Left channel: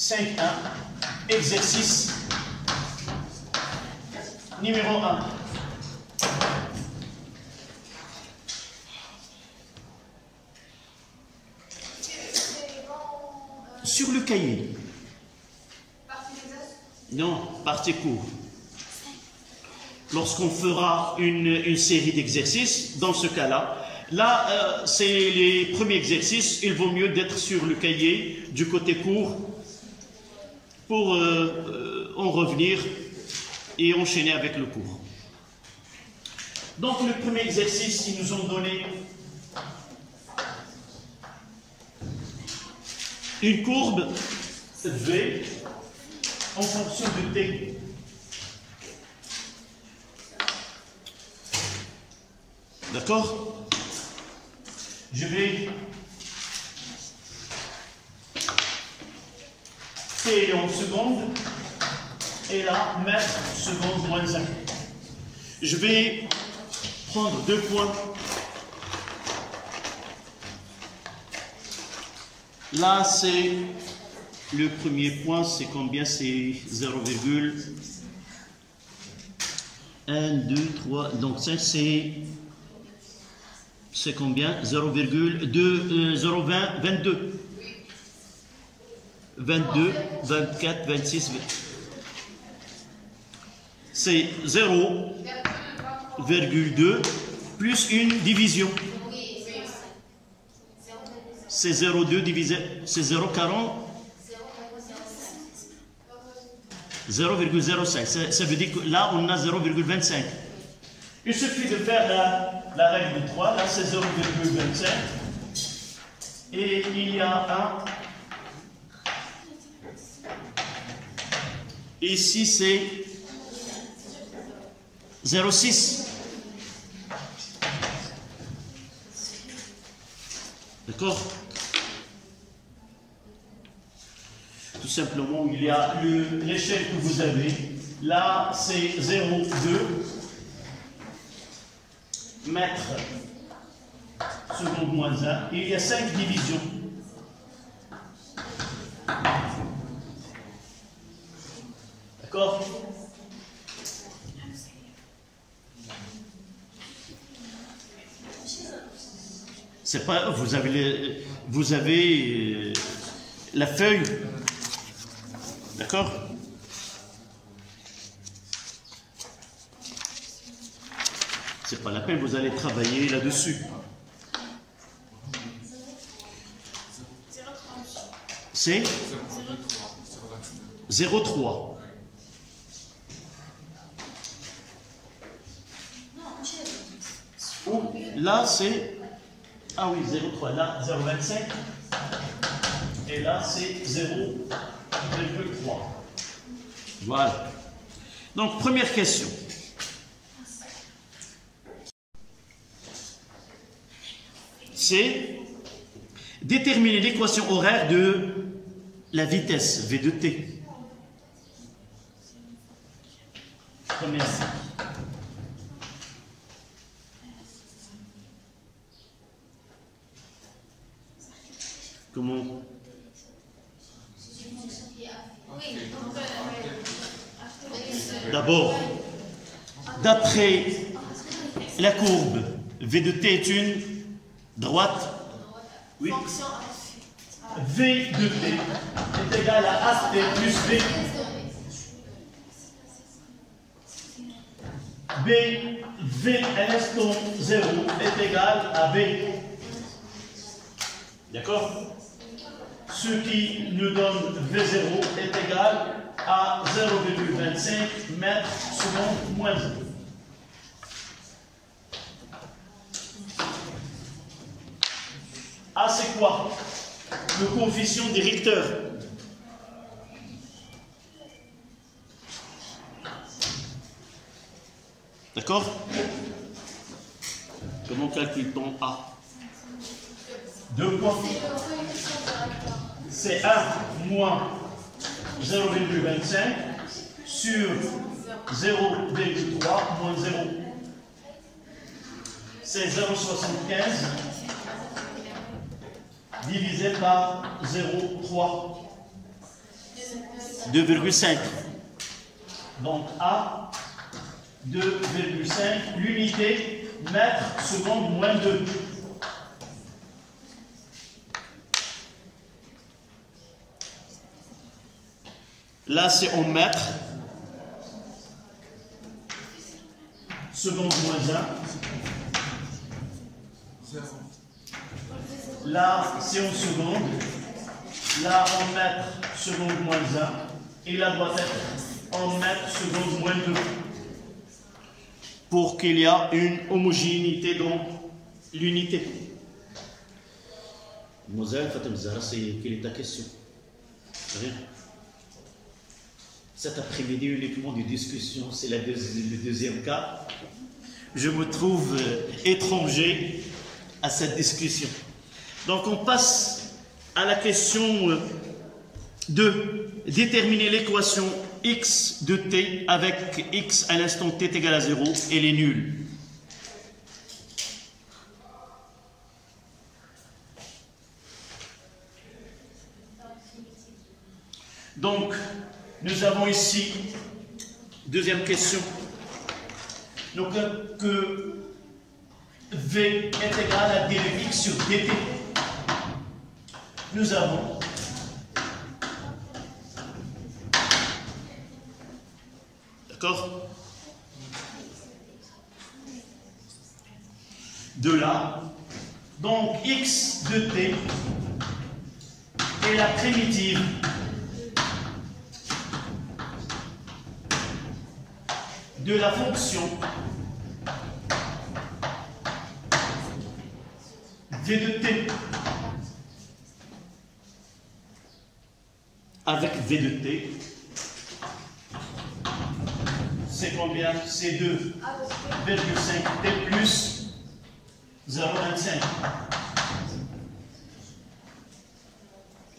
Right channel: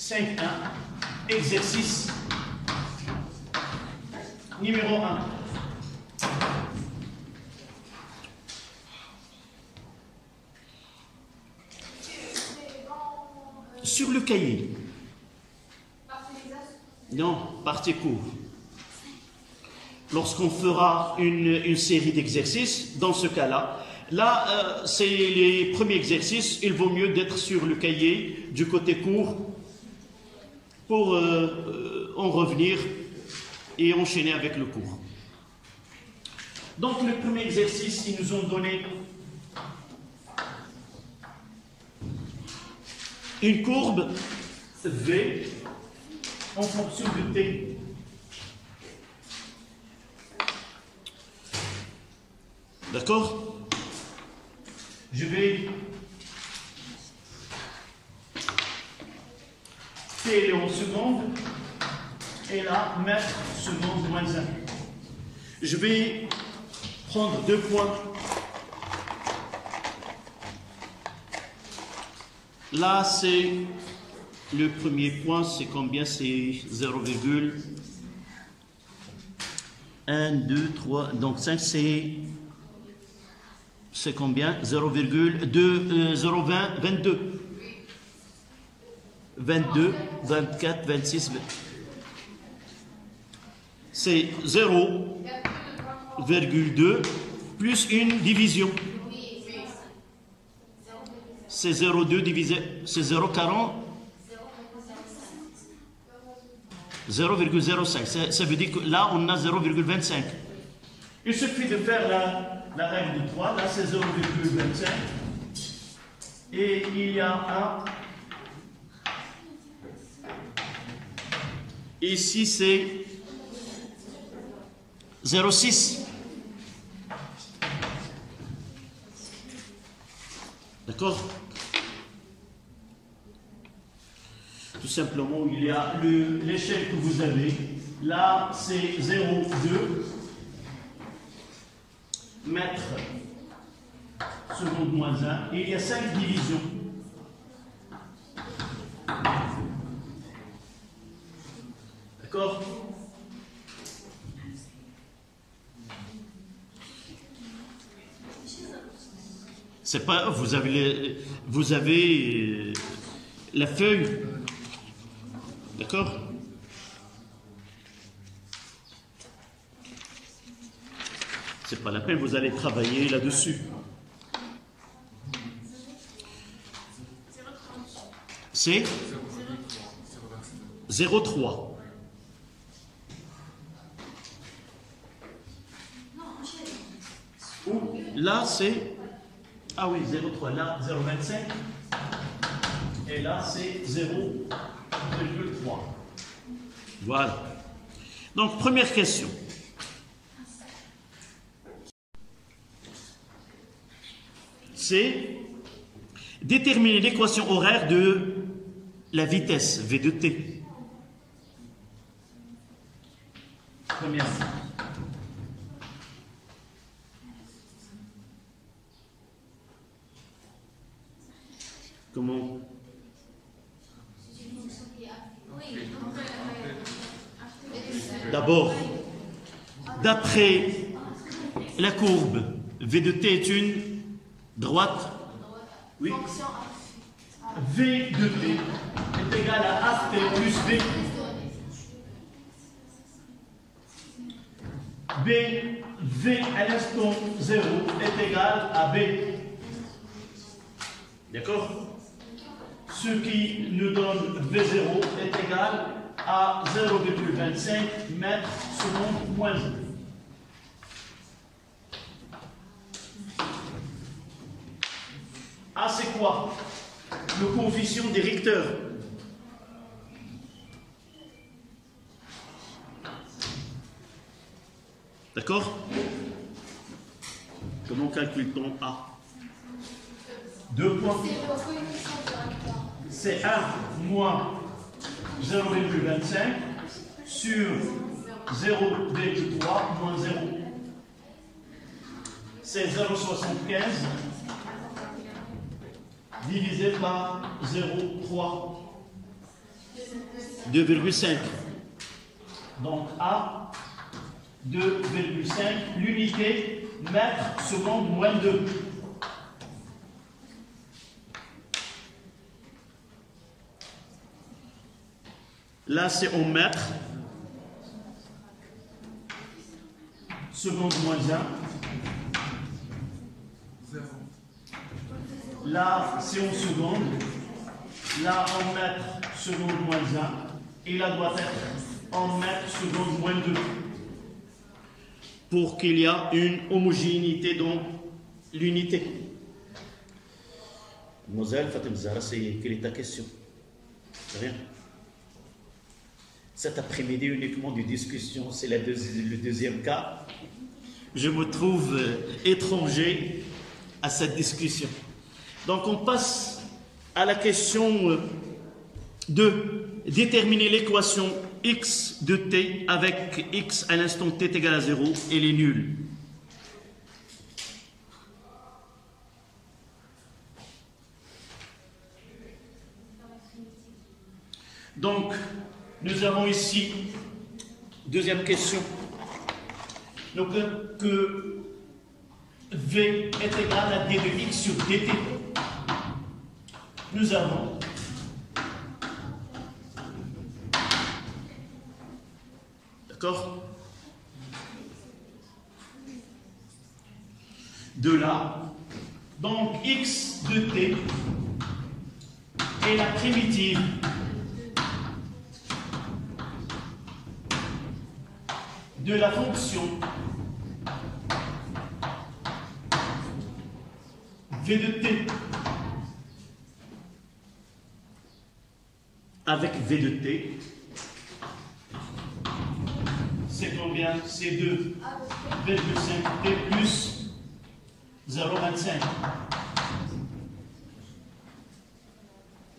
5.1, exercice numéro 1. Sur le cahier. Non, partie cours. Lorsqu'on fera une série d'exercices, dans ce cas-là, là, c'est les premiers exercices, il vaut mieux d'être sur le cahier du côté court pour en revenir et enchaîner avec le cours. Donc, le premier exercice, ils nous ont donné une courbe V en fonction de T. D'accord? Je vais T est en seconde et là mètre seconde moins 1. Je vais prendre 2 points. Là, c'est le premier point, c'est combien? C'est 0,1, 2, 3, donc 5, c'est combien? 0,20, 22. 22, 24, 26, c'est 0,2 plus une division. C'est 0,2 divisé, c'est 0,40, 0,05. Ça veut dire que là, on a 0,25. Il suffit de faire la règle de 3. Là, c'est 0,25. Et il y a un. Ici, c'est 0,6. D'accord? Tout simplement, il y a l'échelle que vous avez. Là, c'est 0,2 mètres seconde moins 1. Il y a 5 divisions. D'accord? C'est pas, vous avez la feuille, d'accord? C'est pas la peine, vous allez travailler là-dessus. C'est 0,3. Là, c'est... Ah oui, 0,3. Là, 0,25. Et là, c'est 0,3. Voilà. Donc, première question. C'est déterminer l'équation horaire de la vitesse V de T. Première. Comment? D'abord, d'après la courbe, V de T est une droite. Oui. V de T est égal à AT plus V. V à l'instant 0 est égal à B. D'accord? Ce qui nous donne V0 est égal à 0,25 mètres seconde moins 1. A, c'est quoi? Le coefficient des Richter. D'accord? Comment calcule-t-on A? 2 points. C'est 1 moins 0,25 sur 0,3 moins 0. C'est 0,75 divisé par 0,3. 2,5. Donc A, 2,5, l'unité mètre seconde moins 2. Là, c'est en mètres. Seconde moins 1. Là, c'est en seconde. Là, en mètres, seconde moins 1. Et là, doit être en mètres, seconde moins 2. Pour qu'il y ait une homogénéité dans l'unité. Mademoiselle Fatem Zahra, quelle est ta question? Rien. Cet après-midi, uniquement de discussion, c'est le deuxième cas. Je me trouve étranger à cette discussion. Donc, on passe à la question de déterminer l'équation x de t avec x à l'instant t est égal à 0 et elle est nulle. Donc, nous avons ici, deuxième question, donc que V est égal à d de x sur dt. Nous avons d'accord? De là, donc x de t est la primitive de la fonction v de t avec v de t. C'est combien? C'est 2,5 t plus 0,25.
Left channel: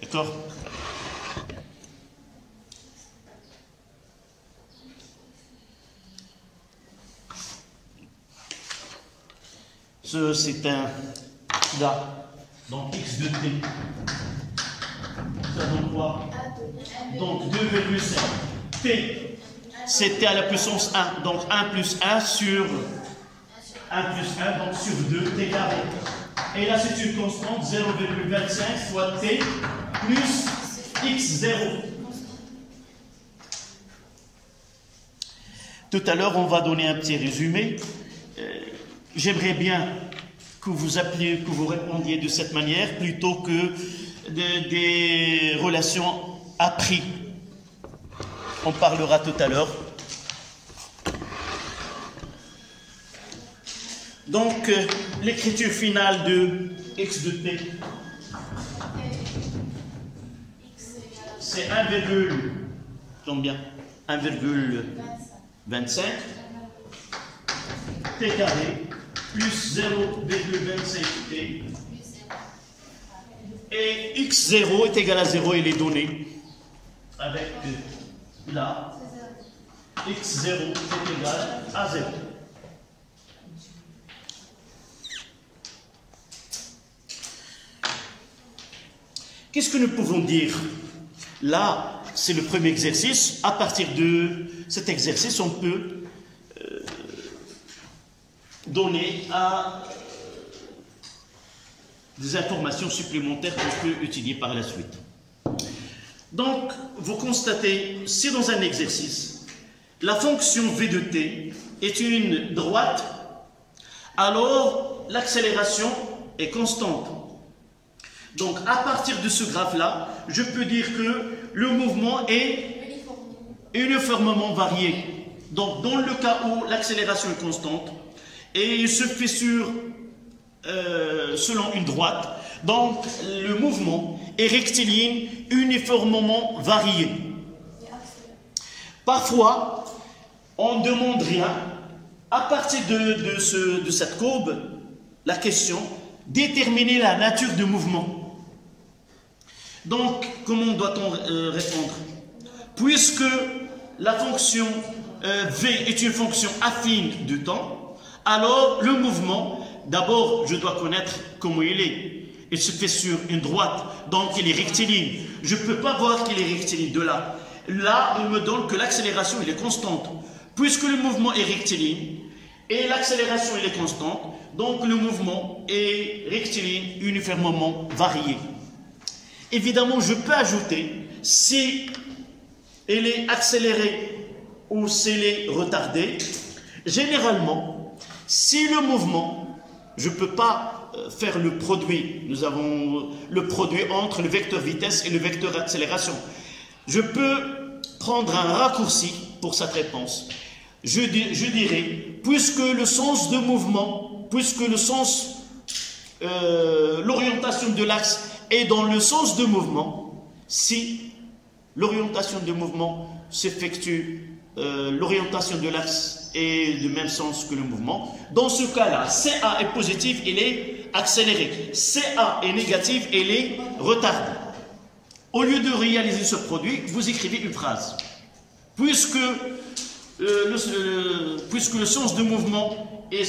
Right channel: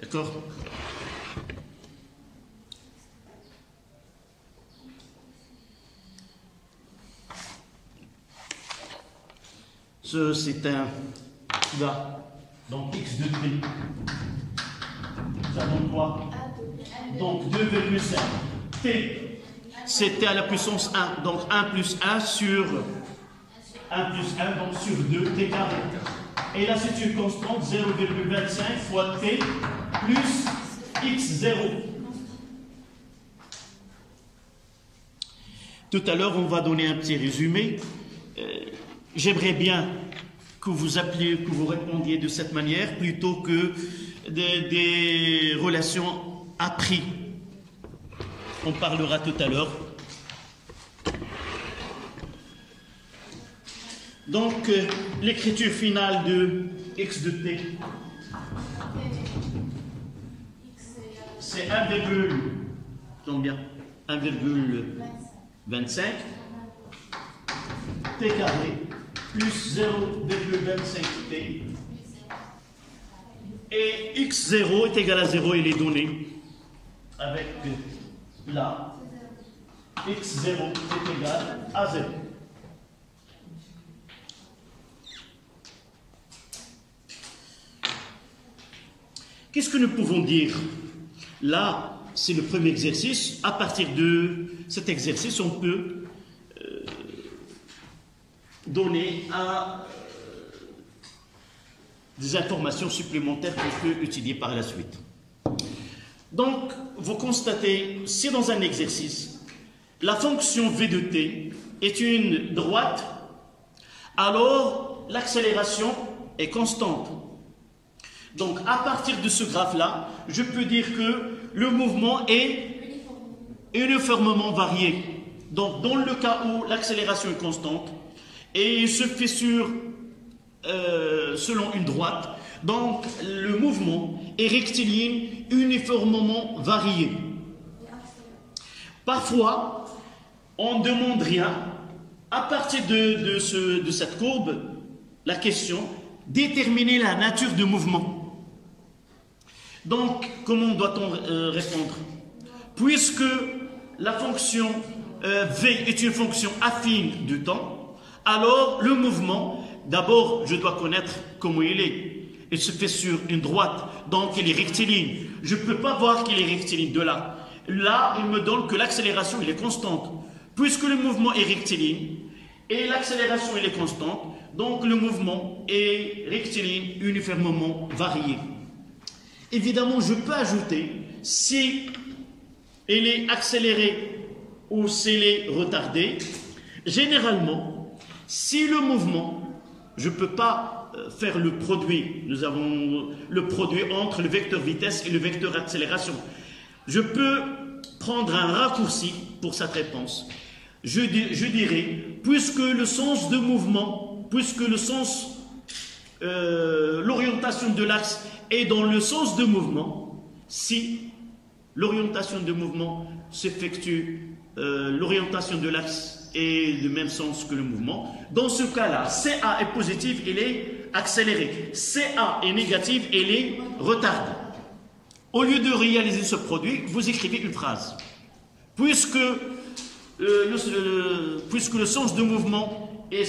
D'accord? Ce, c'est un là. Donc x de t. Ça donne quoi? Donc 2,5. T. C'était à la puissance 1, donc 1 plus 1 sur 1 plus 1, donc sur 2, t carré. Et là, c'est une constante, 0,25 fois t plus x0. Tout à l'heure, on va donner un petit résumé. J'aimerais bien que vous appeliez, que vous répondiez de cette manière, plutôt que des relations à prix. On parlera tout à l'heure. Donc, l'écriture finale de x de t, c'est 1,25 t carré plus 0,25 t. Et x0 est égal à 0, il est donné avec là, x0 est égal à 0. Qu'est-ce que nous pouvons dire? Là, c'est le premier exercice. À partir de cet exercice, on peut donner des informations supplémentaires qu'on peut utiliser par la suite. Donc, vous constatez, si dans un exercice, la fonction v de t est une droite, alors l'accélération est constante. Donc, à partir de ce graphe-là, je peux dire que le mouvement est uniformément varié. Donc, dans le cas où l'accélération est constante, et il se fait selon une droite, donc le mouvement est rectiligne uniformément varié. Parfois, on ne demande rien. À partir de cette courbe, la question, déterminer la nature du mouvement. Donc, comment doit-on répondre? Puisque la fonction v est une fonction affine du temps, alors le mouvement, d'abord, je dois connaître comment il est. Il se fait sur une droite, donc il est rectiligne. Je ne peux pas voir qu'il est rectiligne de là. Là, il me donne que l'accélération elle est constante. Puisque le mouvement est rectiligne et l'accélération elle est constante, donc le mouvement est rectiligne uniformément varié. Évidemment, je peux ajouter si il est accéléré ou s'il est retardé. Généralement, si le mouvement, je ne peux pas faire le produit, nous avons le produit entre le vecteur vitesse et le vecteur accélération. Je peux prendre un raccourci pour cette réponse. Je dirais, puisque le sens de mouvement, puisque le sens, l'orientation de l'axe est dans le sens de mouvement, si l'orientation de mouvement s'effectue, l'orientation de l'axe est du même sens que le mouvement, dans ce cas-là, CA est positif, il est accéléré. CA est négatif, il est retardé. Au lieu de réaliser ce produit, vous écrivez une phrase. Puisque le sens de mouvement est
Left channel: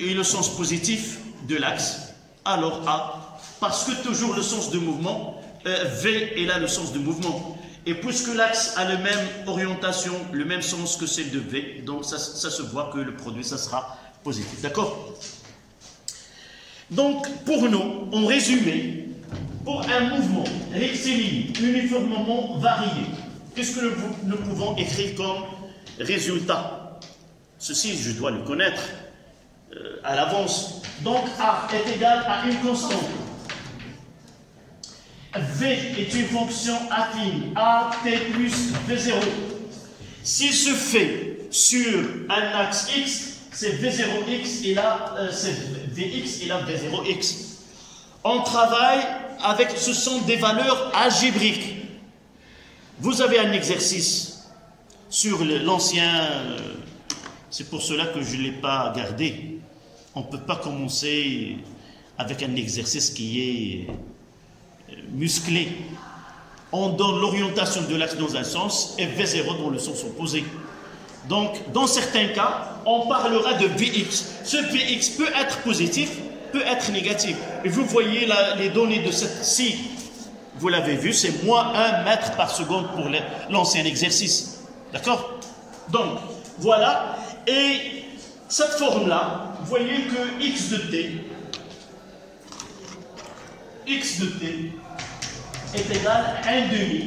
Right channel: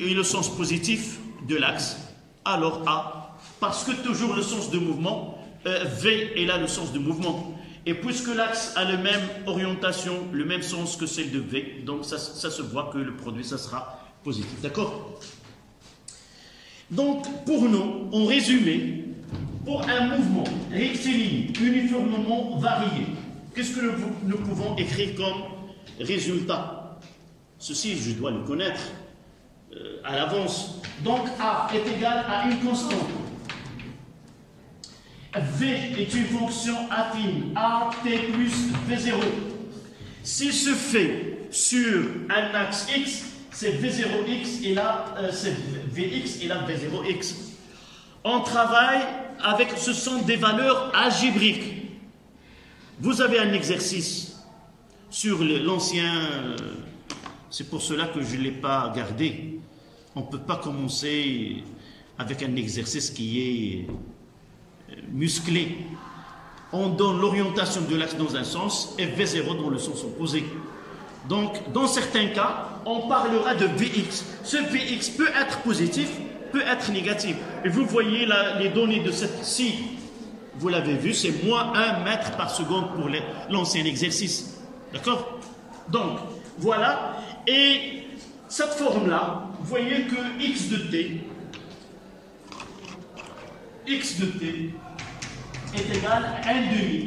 le sens positif de l'axe, alors A, parce que toujours le sens de mouvement, V est là le sens de mouvement. Et puisque l'axe a la même orientation, le même sens que celle de V, donc ça se voit que le produit, ça sera positif. D'accord? Donc, pour nous, en résumé, pour un mouvement rectiligne uniformément varié, qu'est-ce que nous pouvons écrire comme résultat? Ceci, je dois le connaître à l'avance. Donc, A est égal à une constante. V est une fonction affine, AT plus V0. S'il se fait sur un axe X, c'est V0X et là, c'est Vx et là, V0X. On travaille avec, ce sont des valeurs algébriques. Vous avez un exercice sur l'ancien, c'est pour cela que je ne l'ai pas gardé. On ne peut pas commencer avec un exercice qui est musclé. On donne l'orientation de l'axe dans un sens et V0 dans le sens opposé. Donc, dans certains cas, on parlera de Vx. Ce Vx peut être positif, peut être négatif. Et vous voyez là, les données de cette ci, vous l'avez vu, c'est moins 1 mètre par seconde pour l'ancien exercice. D'accord? Donc, voilà. Et cette forme-là, vous voyez que x de t est égal à 1 demi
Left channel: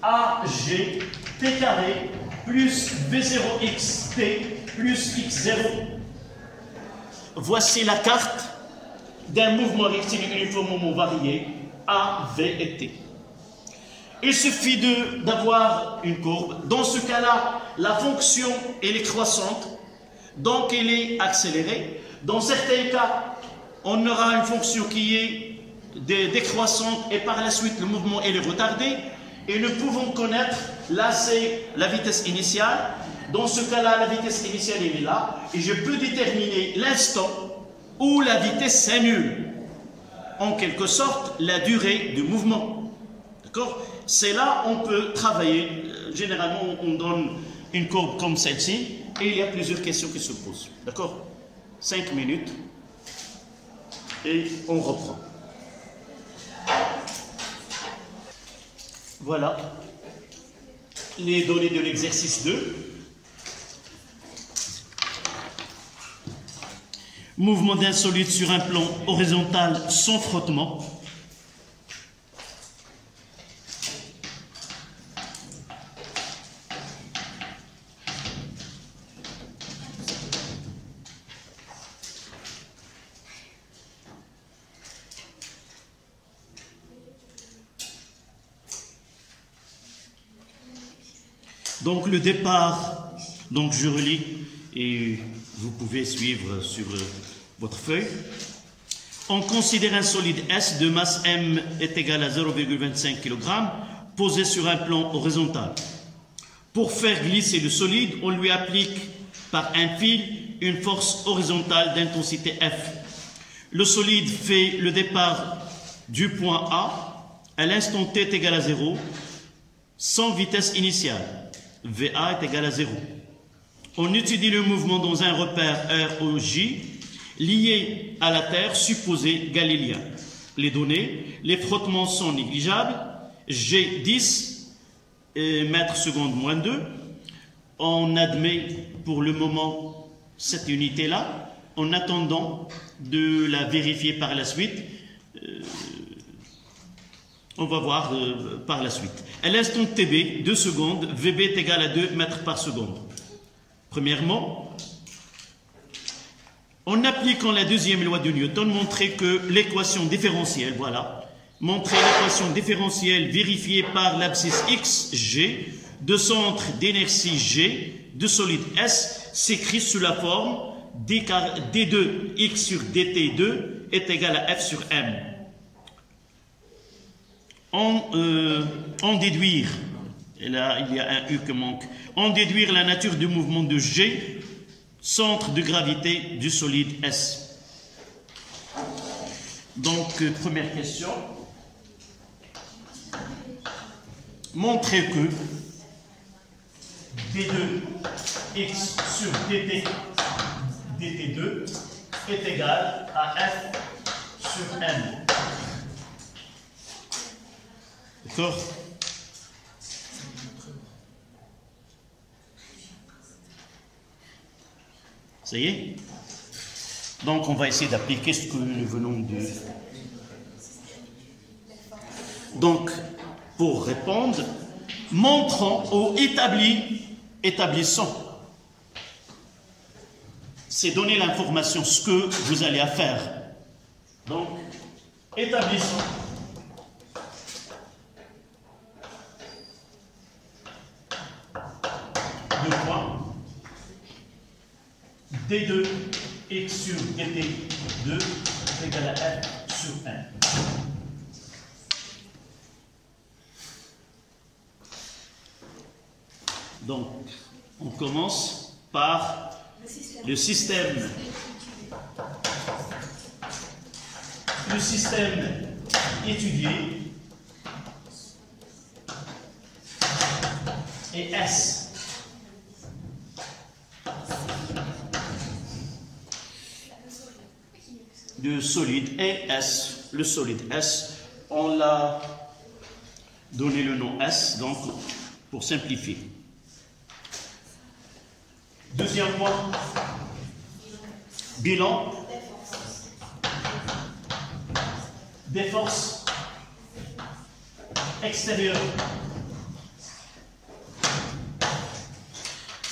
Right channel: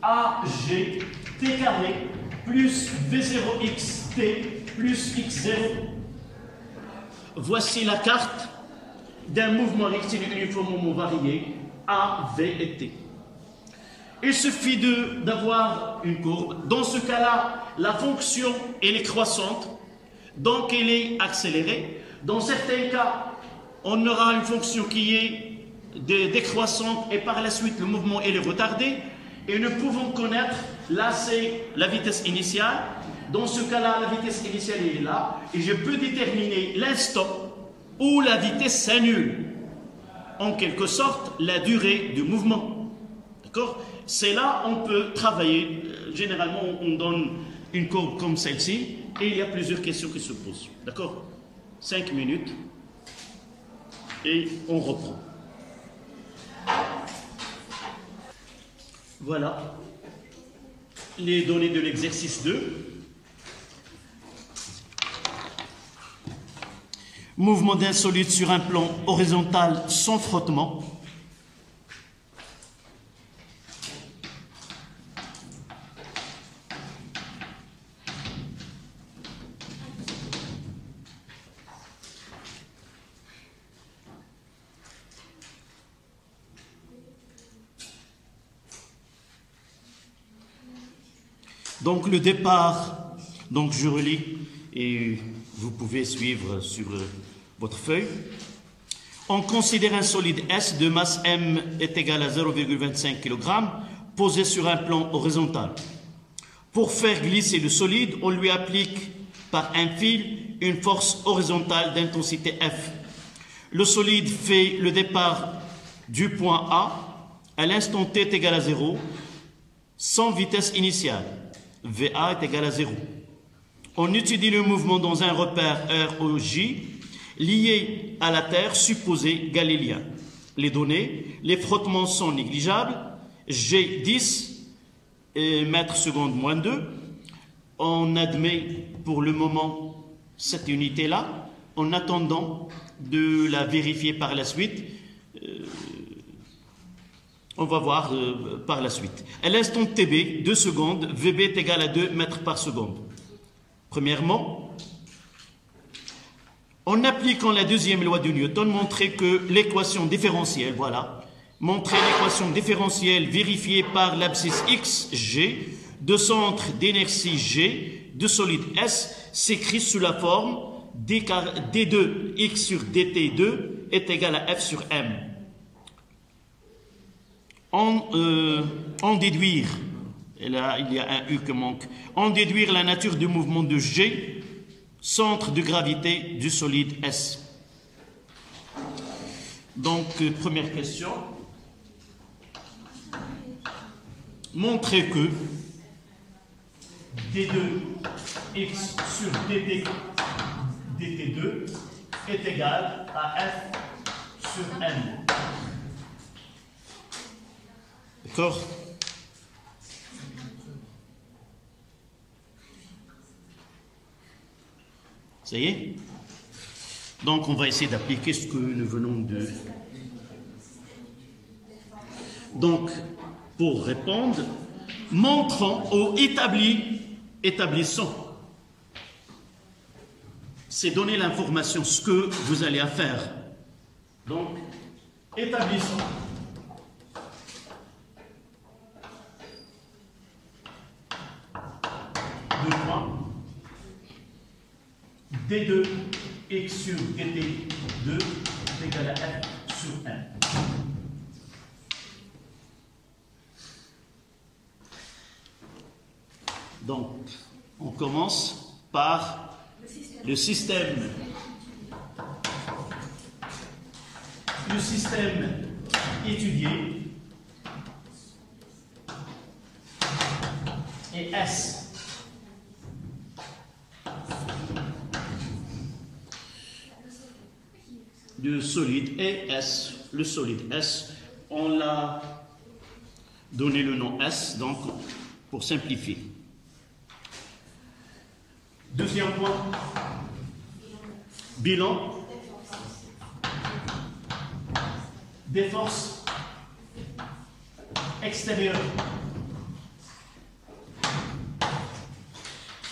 AG t carré plus V0xt plus x0. Voici la carte d'un mouvement rectiligne uniformément varié A, V et T. Il suffit d'avoir une courbe. Dans ce cas-là, la fonction elle est croissante, donc elle est accélérée. Dans certains cas, on aura une fonction qui est décroissante et par la suite le mouvement est retardé. Et nous pouvons connaître, là c'est la vitesse initiale. Dans ce cas-là, la vitesse initiale elle est là. Et je peux déterminer l'instant où la vitesse s'annule. En quelque sorte, la durée du mouvement. D'accord? C'est là on peut travailler. Généralement, on donne une courbe comme celle-ci. Et il y a plusieurs questions qui se posent. D'accord? 5 minutes. Et on reprend. Voilà les données de l'exercice 2. Mouvement d'un solide sur un plan horizontal sans frottement. Donc le départ, donc je relis et vous pouvez suivre sur votre feuille. On considère un solide S de masse M est égal à 0,25 kg posé sur un plan horizontal. Pour faire glisser le solide, on lui applique par un fil une force horizontale d'intensité F. Le solide fait le départ du point A à l'instant T est égal à 0 sans vitesse initiale. VA est égal à 0. On étudie le mouvement dans un repère ROJ lié à la Terre supposée galiléenne. Les données, les frottements sont négligeables. G10 mètres secondes moins 2. On admet pour le moment cette unité-là, en attendant de la vérifier par la suite. On va voir par la suite. À l'instant TB, 2 secondes, VB est égal à 2 mètres par seconde. Premièrement, en appliquant la deuxième loi de Newton, montrer que l'équation différentielle, voilà, montrer l'équation différentielle vérifiée par l'abscisse x, g, de centre d'inertie G, de solide S, s'écrit sous la forme D2 x sur dt2 est égal à F sur M. En déduire, et là il y a un U qui manque, en déduire la nature du mouvement de G, centre de gravité du solide S. Donc, première question. Montrer que D2x sur dt2 est égal à F sur M. D'accord? Ça y est? Donc, on va essayer d'appliquer ce que nous venons de... Donc, pour répondre, montrons ou établissons. C'est donner l'information, ce que vous allez à faire. Donc, établissons. Deux points. D2 x sur dt2 est égal à F sur M. Donc, on commence par le système. Le système étudié est S. Le solide est S. Le solide S, on l'a donné le nom S, donc pour simplifier. Deuxième point, bilan des forces extérieures.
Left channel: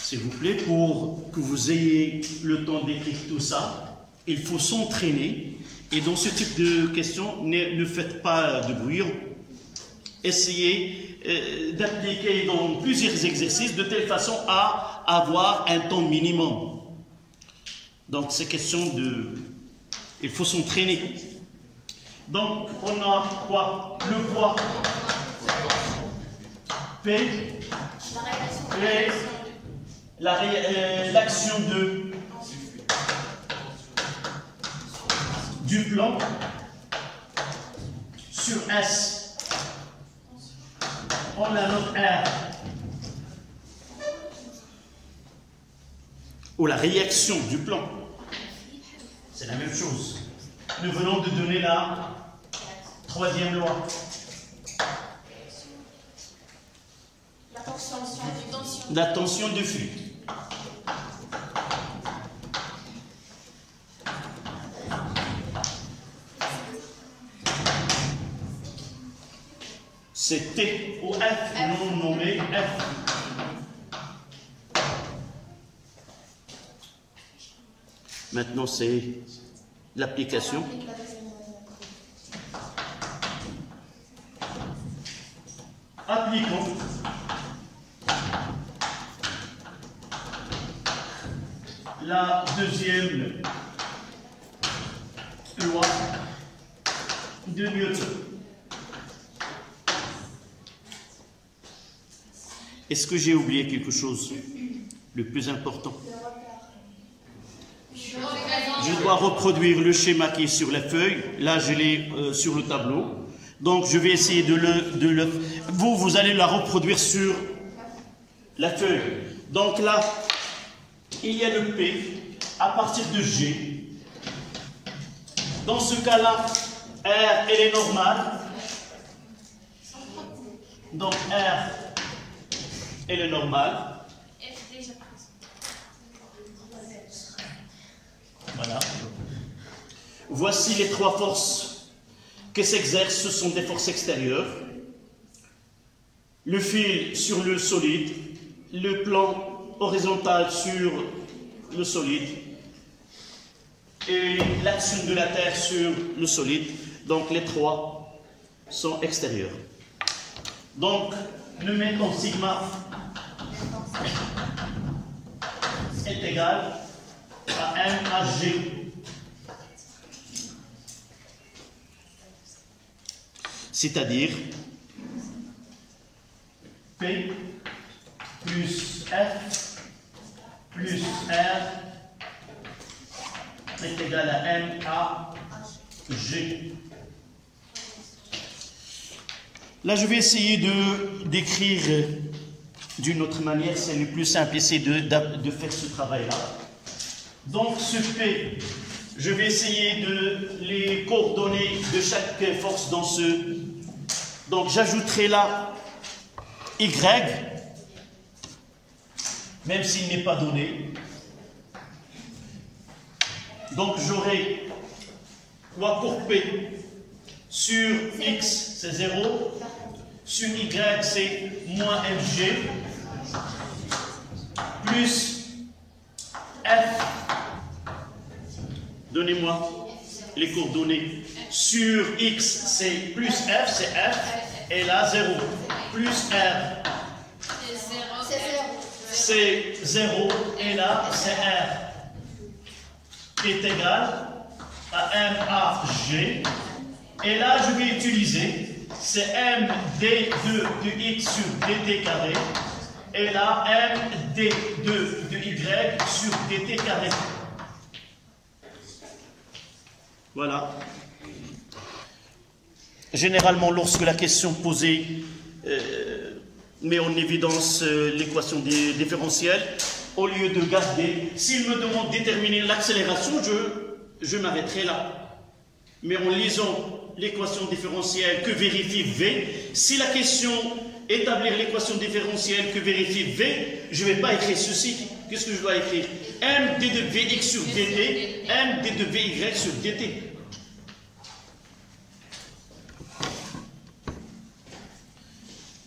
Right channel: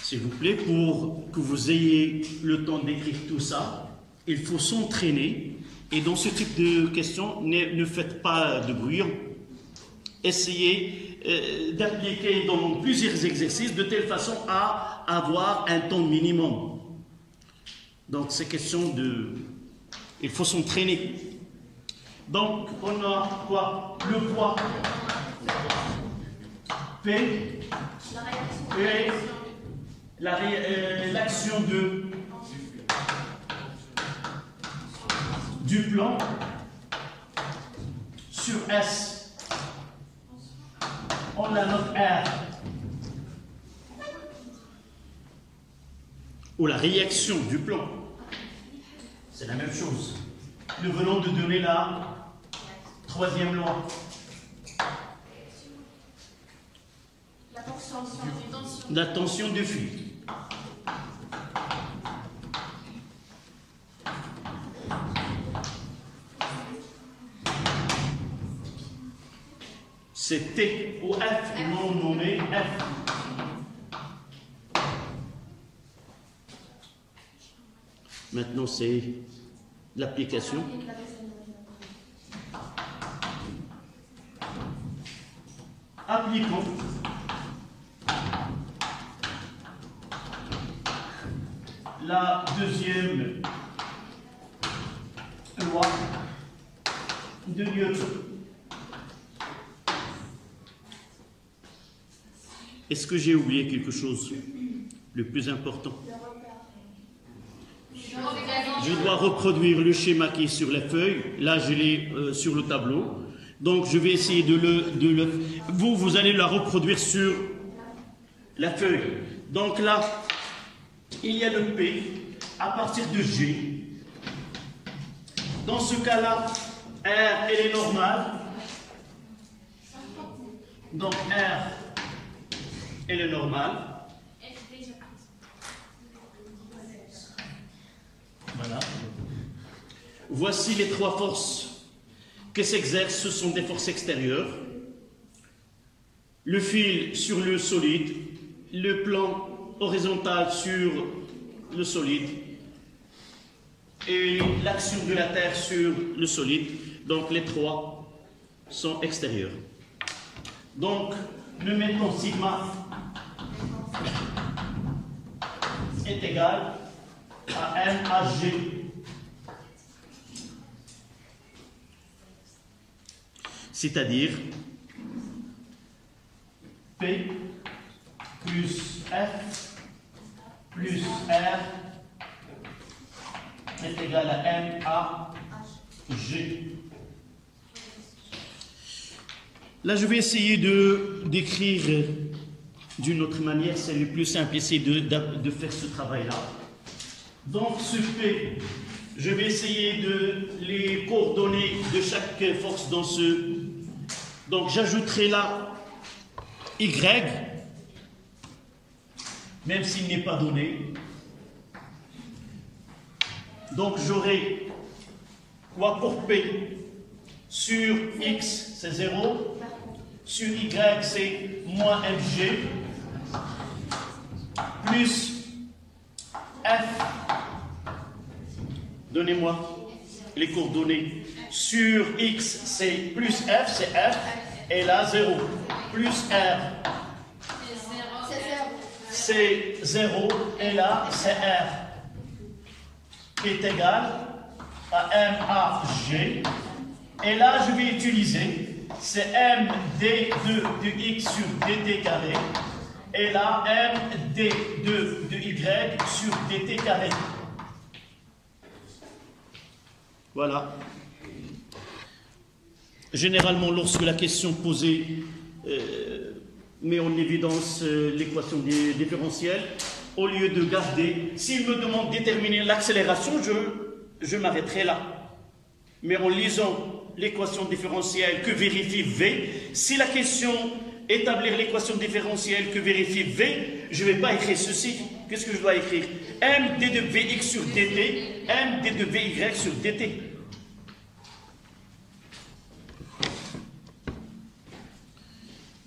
S'il vous plaît, pour que vous ayez le temps d'écrire tout ça, il faut s'entraîner. Et dans ce type de questions, ne faites pas de bruit. Essayez d'appliquer dans plusieurs exercices de telle façon à avoir un temps minimum. Donc, c'est question de... Il faut s'entraîner. Donc, on a quoi? Le poids P et l'action du plan sur S. On la note R. Ou la réaction du plan. C'est la même chose. Nous venons de donner la troisième loi. La tension de flux. C'est T ou F, non nommé F. Maintenant, c'est l'application. Appliquons la deuxième loi de Newton. Est-ce que j'ai oublié quelque chose? Le plus important. Je dois reproduire le schéma qui est sur la feuille. Là, je l'ai sur le tableau. Donc, je vais essayer de le... Vous allez la reproduire sur la feuille. Donc là, il y a le P à partir de G. Dans ce cas-là, R, elle est normale. Donc, R et le normal. Voilà. Voici les trois forces que s'exercent, ce sont des forces extérieures. Le fil sur le solide, le plan horizontal sur le solide et l'action de la Terre sur le solide. Donc les trois sont extérieurs. Donc nous mettons sigma est égal à M à G. C'est-à-dire P plus F plus R est égal à M à G. Là, je vais essayer d'écrire d'une autre manière. C'est le plus simple, essayer de faire ce travail-là. Donc, ce P, je vais essayer de les coordonner de chaque force dans ce. Donc, j'ajouterai là Y, même s'il n'est pas donné. Donc, j'aurai quoi pour P? Sur X, c'est 0. Sur Y, c'est moins FG. Plus F. Donnez-moi les coordonnées. Sur X, c'est plus F, c'est F. Et là, 0. Plus R. C'est 0. Et là, c'est R. Qui est égal à M à G. Et là, je vais utiliser, c'est M d2 de x sur dt carré. Et là, M d2 de y sur dt carré. Voilà. Généralement, lorsque la question posée met en évidence l'équation différentielle, au lieu de garder, s'il me demande de déterminer l'accélération, je m'arrêterai là. Mais en lisant l'équation différentielle que vérifie V, si la question établir l'équation différentielle que vérifie V, je ne vais pas écrire ceci. Qu'est-ce que je dois écrire? M d de Vx sur dt, M d de Vy sur dt.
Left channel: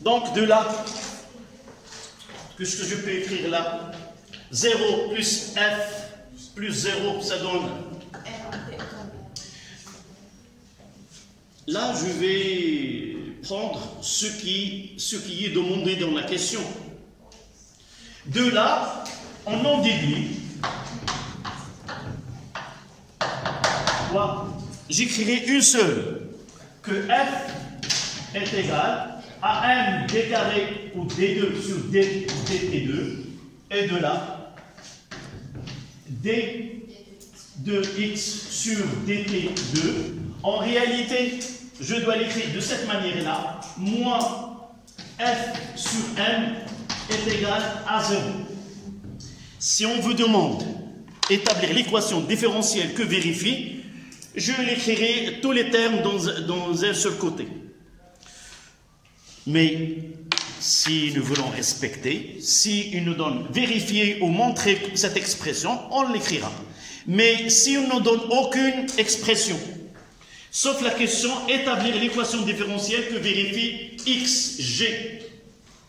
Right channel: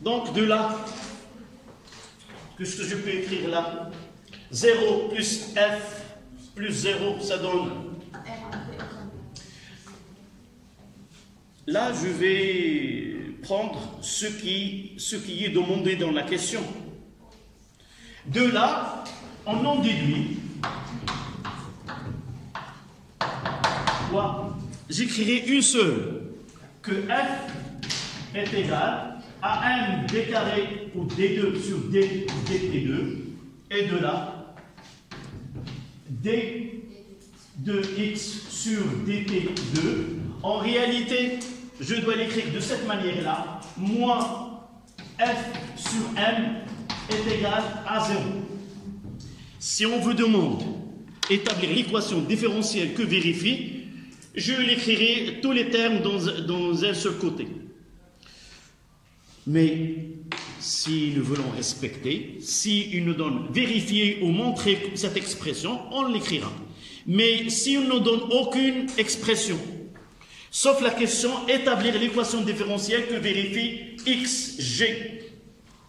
Donc de là, qu'est-ce que je peux écrire là? 0 plus F plus 0, ça donne. Là, je vais prendre ce qui est demandé dans la question. De là, on en déduit quoi? J'écrirai une seule, que F est égal à M d carré ou d2 sur dt2, et de là, d de x sur dt2. En réalité, je dois l'écrire de cette manière-là, moins f sur m est égal à 0. Si on vous demande d'établir l'équation différentielle que vérifie, je l'écrirai tous les termes dans un seul côté. Mais si nous voulons respecter, si il nous donne vérifier ou montrer cette expression, on l'écrira. Mais si on ne donne aucune expression, sauf la question établir l'équation différentielle que vérifie xg.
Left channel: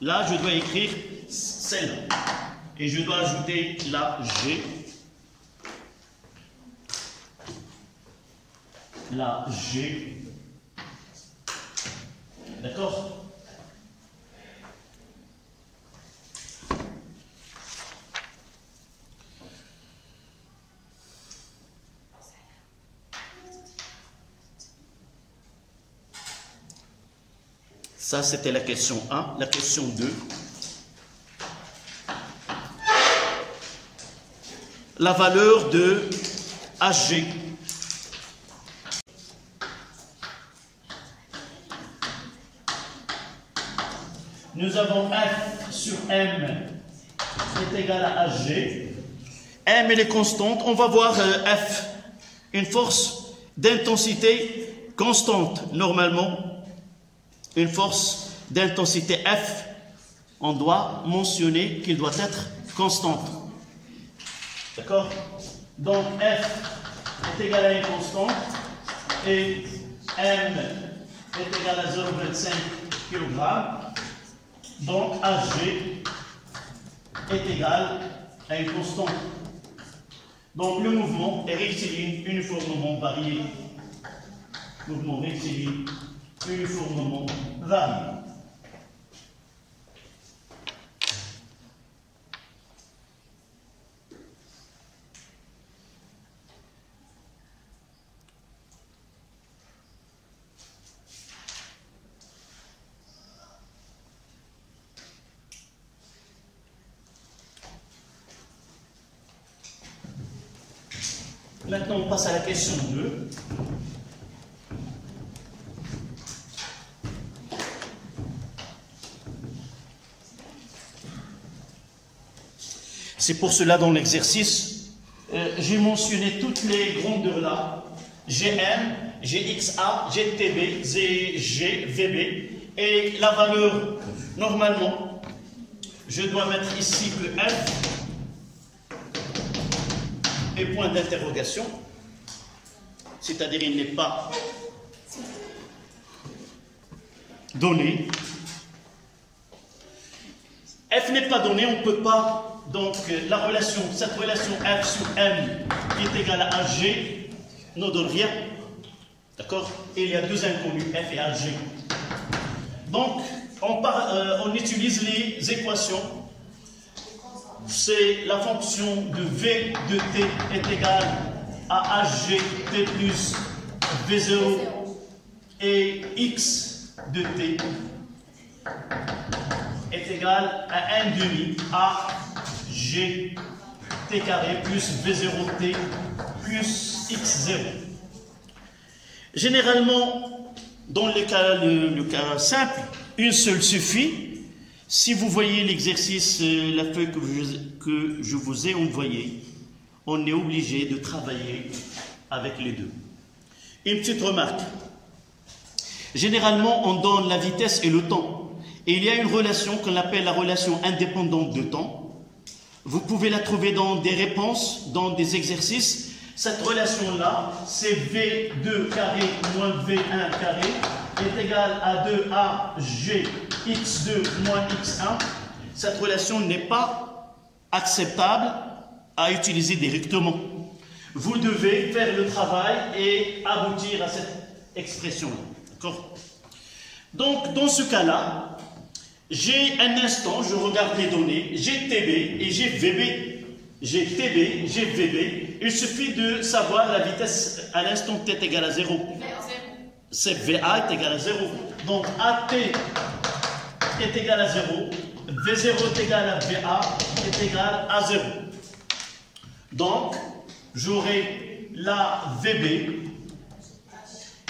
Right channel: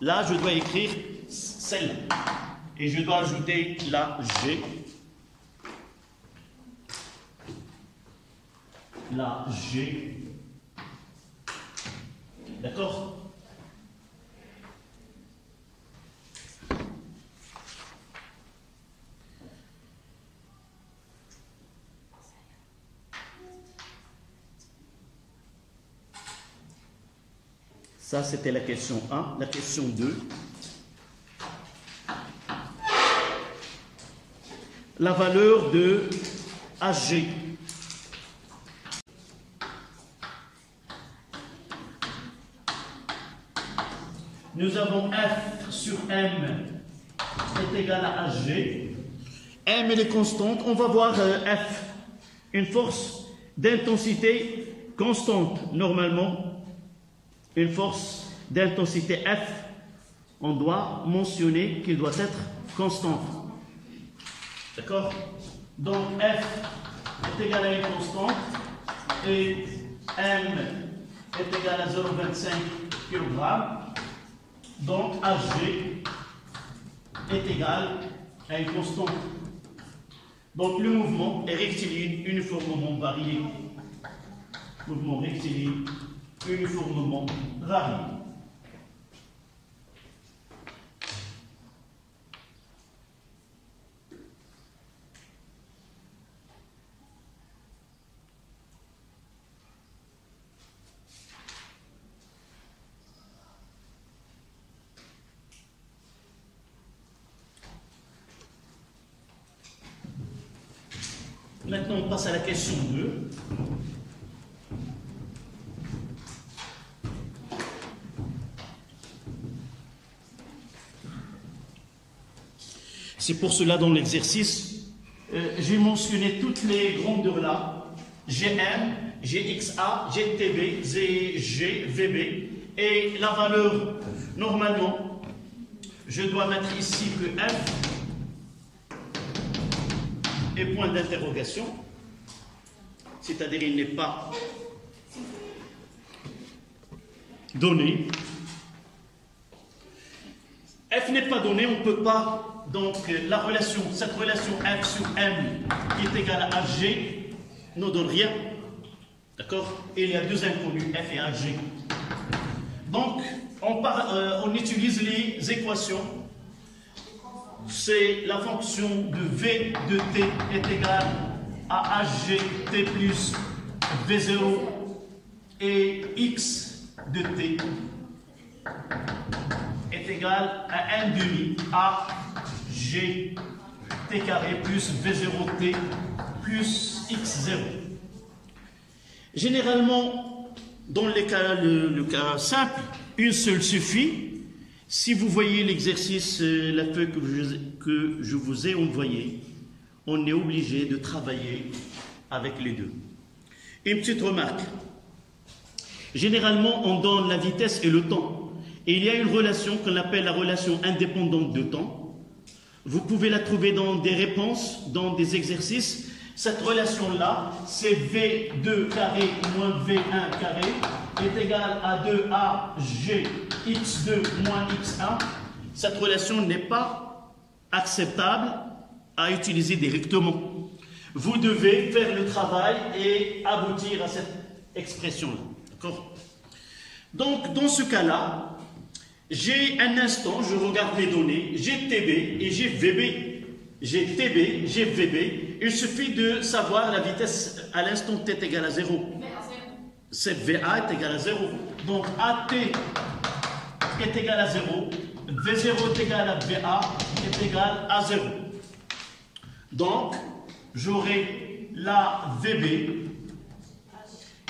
Là, je dois écrire celle-là. Et je dois ajouter la g. La g. D'accord? Ça, c'était la question 1. La question 2. La valeur de HG. Nous avons F sur M est égal à HG. M, elle est constante. On va voir F, une force d'intensité constante, normalement. Une force d'intensité F on doit mentionner qu'il doit être constante. D'accord? Donc F est égal à une constante et M est égal à 0,25 kg. Donc HG est égal à une constante. Donc le mouvement est rectiligne uniformément varié. Mouvement rectiligne uniformément varié. Maintenant, on passe à la question 2. C'est pour cela, dans l'exercice, j'ai mentionné toutes les grandeurs là. GM, GXA, GTB, ZG, VB. Et la valeur, normalement, je dois mettre ici que F et point d'interrogation, c'est-à-dire il n'est pas donné. F n'est pas donné, on ne peut pas, donc cette relation F sur M qui est égale à HG ne donne rien, d'accord? Et il y a deux inconnus, F et HG. Donc on utilise les équations. C'est la fonction de V de t est égale à HG t plus V0 et x de t est égal à 1 demi à g t carré plus V0 t plus x0. Généralement, dans le cas simple, une seule suffit. Si vous voyez l'exercice, la feuille que je vous ai envoyée, on est obligé de travailler avec les deux. Une petite remarque. Généralement, on donne la vitesse et le temps. Et il y a une relation qu'on appelle la relation indépendante de temps. Vous pouvez la trouver dans des réponses, dans des exercices. Cette relation-là, c'est V2 carré moins V1 carré est égal à 2AG x2 moins x1. Cette relation n'est pas acceptable à utiliser directement. Vous devez faire le travail et aboutir à cette expression-là. D'accord? Donc, dans ce cas-là, j'ai un instant, je regarde les données, j'ai TB et j'ai VB. J'ai TB, j'ai VB. Il suffit de savoir la vitesse à l'instant t est égal à 0. C'est VA est égal à 0. Donc AT est égal à 0. V0 est égal à VA est égal à 0. Donc, j'aurai la VB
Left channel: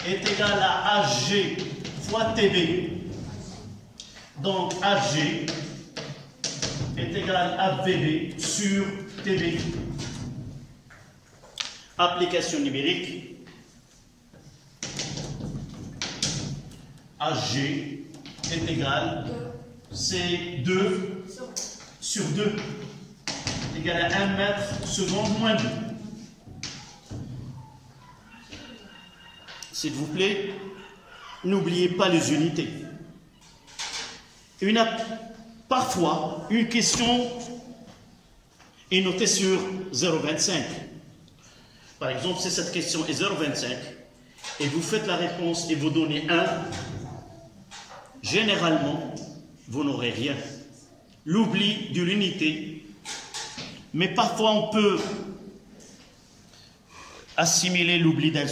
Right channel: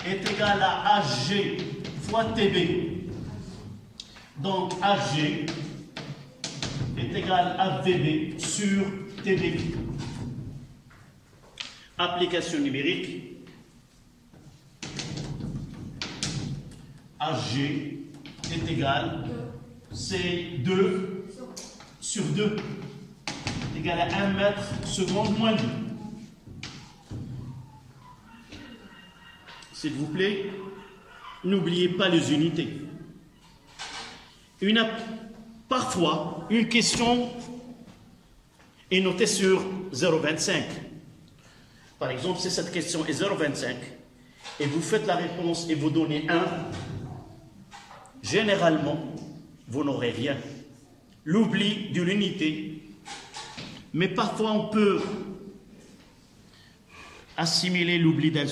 est égal à HG fois TB. Donc HG est égal à VB sur TB. Application numérique. HG est égal, c'est 2 sur 2, est égal à 1 mètre seconde moins 2. S'il vous plaît, n'oubliez pas les unités. Parfois, une question est notée sur 0,25. Par exemple, si cette question est 0,25 et vous faites la réponse et vous donnez 1, généralement, vous n'aurez rien. L'oubli de l'unité. Mais parfois, on peut assimiler l'oubli d'un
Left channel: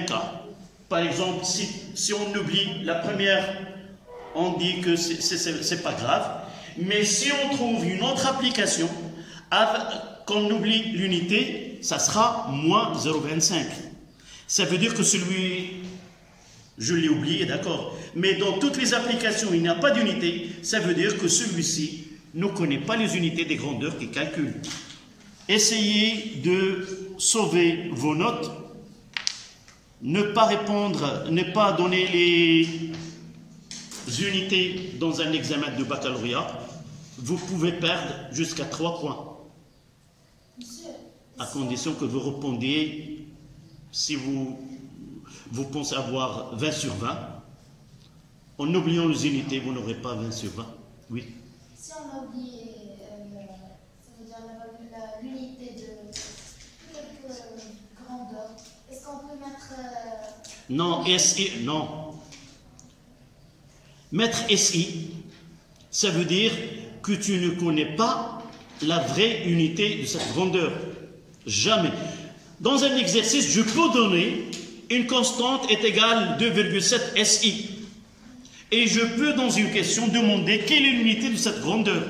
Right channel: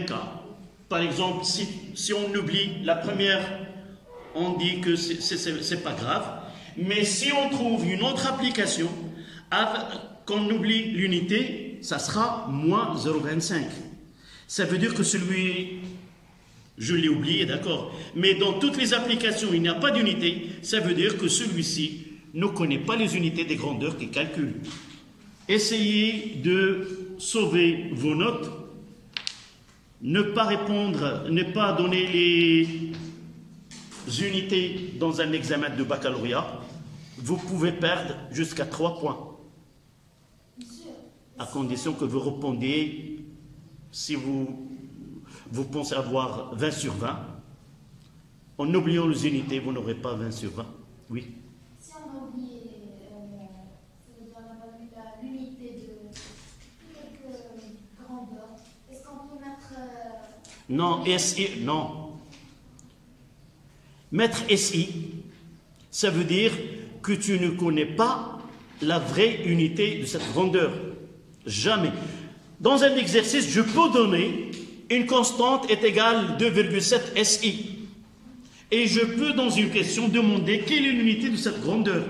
cas. Par exemple, si on oublie la première, on dit que c'est pas grave. Mais si on trouve une autre application, qu'on oublie l'unité, ça sera moins 0,25. Ça veut dire que celui, je l'ai oublié, d'accord. Mais dans toutes les applications, il n'y a pas d'unité. Ça veut dire que celui-ci ne connaît pas les unités des grandeurs qu'il calcule. Essayez de sauver vos notes. Ne pas répondre, ne pas donner les unités dans un examen de baccalauréat, vous pouvez perdre jusqu'à 3 points. À condition que vous répondiez, si vous pensez avoir 20 sur 20, en oubliant les unités, vous n'aurez pas 20 sur 20. Oui. Si on a oublié, ça veut dire on n'a pas vu l'unité de grandeur, est-ce qu'on peut mettre... Non, SI, non. Mettre SI, ça veut dire que tu ne connais pas la vraie unité de cette grandeur. Jamais. Dans un exercice, je peux donner une constante est égale 2,7 SI. Et je peux, dans une question, demander quelle est l'unité de cette grandeur.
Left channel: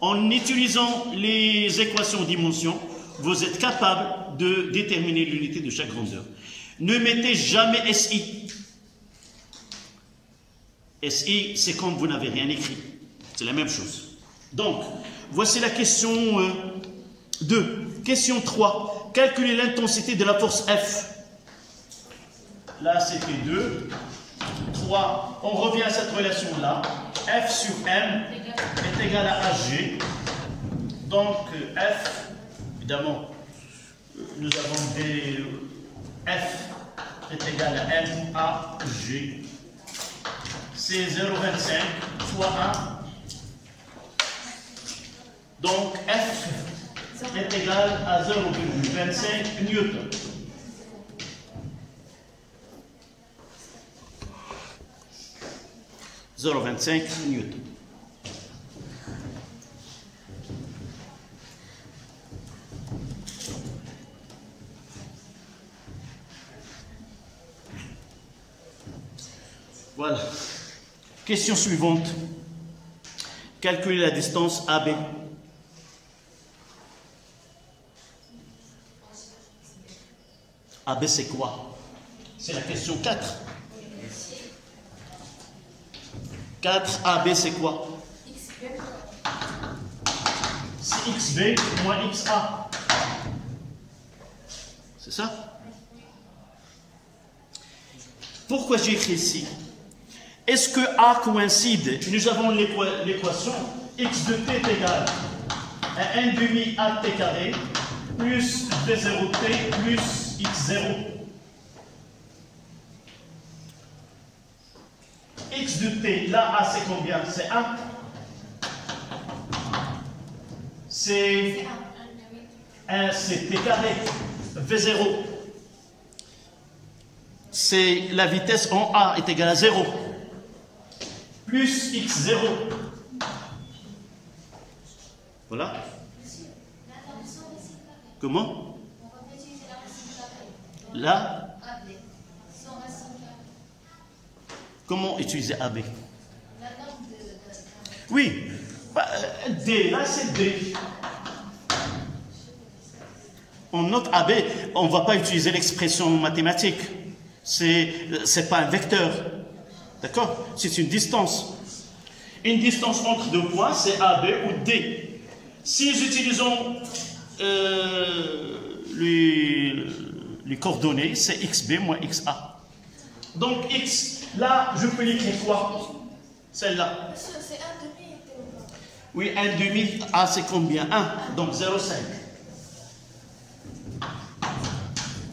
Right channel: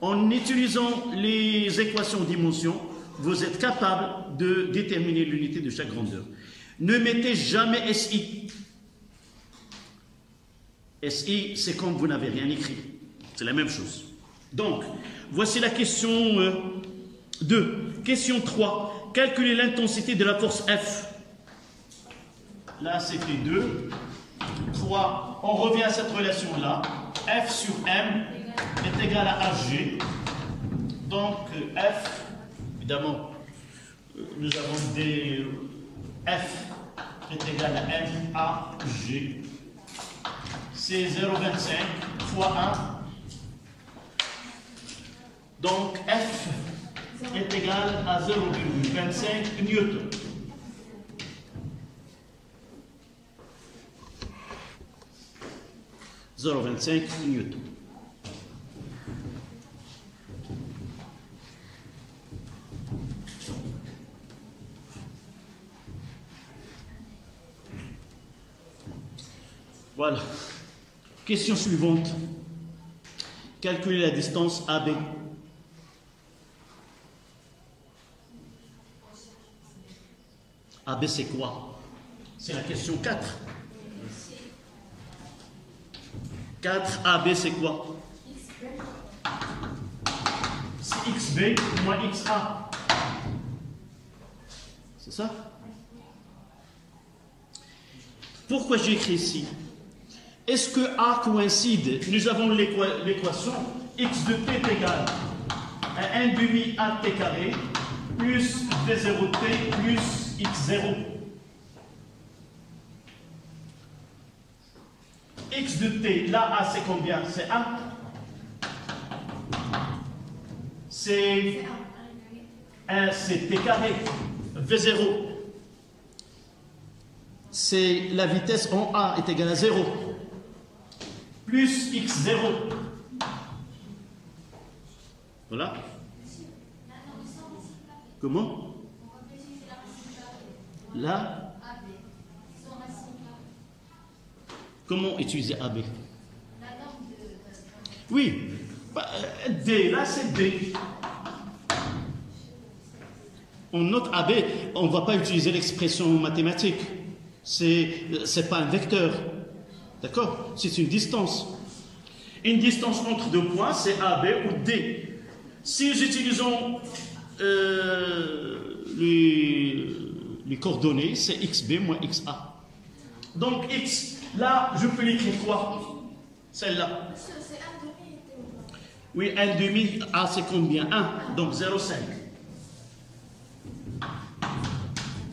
En utilisant les équations de dimension, vous êtes capable de déterminer l'unité de chaque grandeur. Ne mettez jamais SI. SI, c'est quand vous n'avez rien écrit. C'est la même chose. Donc, voici la question 2. Question 3. Calculez l'intensité de la force F. Là, c'était 2. 3. On revient à cette relation-là. F sur M est égal à HG. Donc, F, évidemment, nous avons des... F est égal à M à G. C'est 0,25 fois 1. Donc, F est égal à 0,25 newton. Newton. Voilà. Question suivante. Calculer la distance AB. AB, c'est quoi? C'est la question 4. 4 AB, c'est quoi? C'est XB moins XA. C'est ça? Pourquoi j'ai écrit ici? Est-ce que A coïncide? Nous avons l'équation x de t est égal à 1 demi A t carré plus V0t plus x0. X de t, là A c'est combien? C'est 1. C'est 1, c'est t carré. V0, c'est la vitesse en A est égale à 0. Plus x0. Voilà. Comment? Là. Comment utiliser AB? Oui. D, là c'est D. On note AB, on ne va pas utiliser l'expression mathématique. C'est pas un vecteur. D'accord? C'est une distance. Une distance entre deux points, c'est AB ou D. Si nous utilisons les coordonnées, c'est XB moins XA. Donc X, là, je peux l'écrire quoi? Celle-là. C'est 1 demi. Oui, 1 demi, A c'est combien? 1, donc 0,5.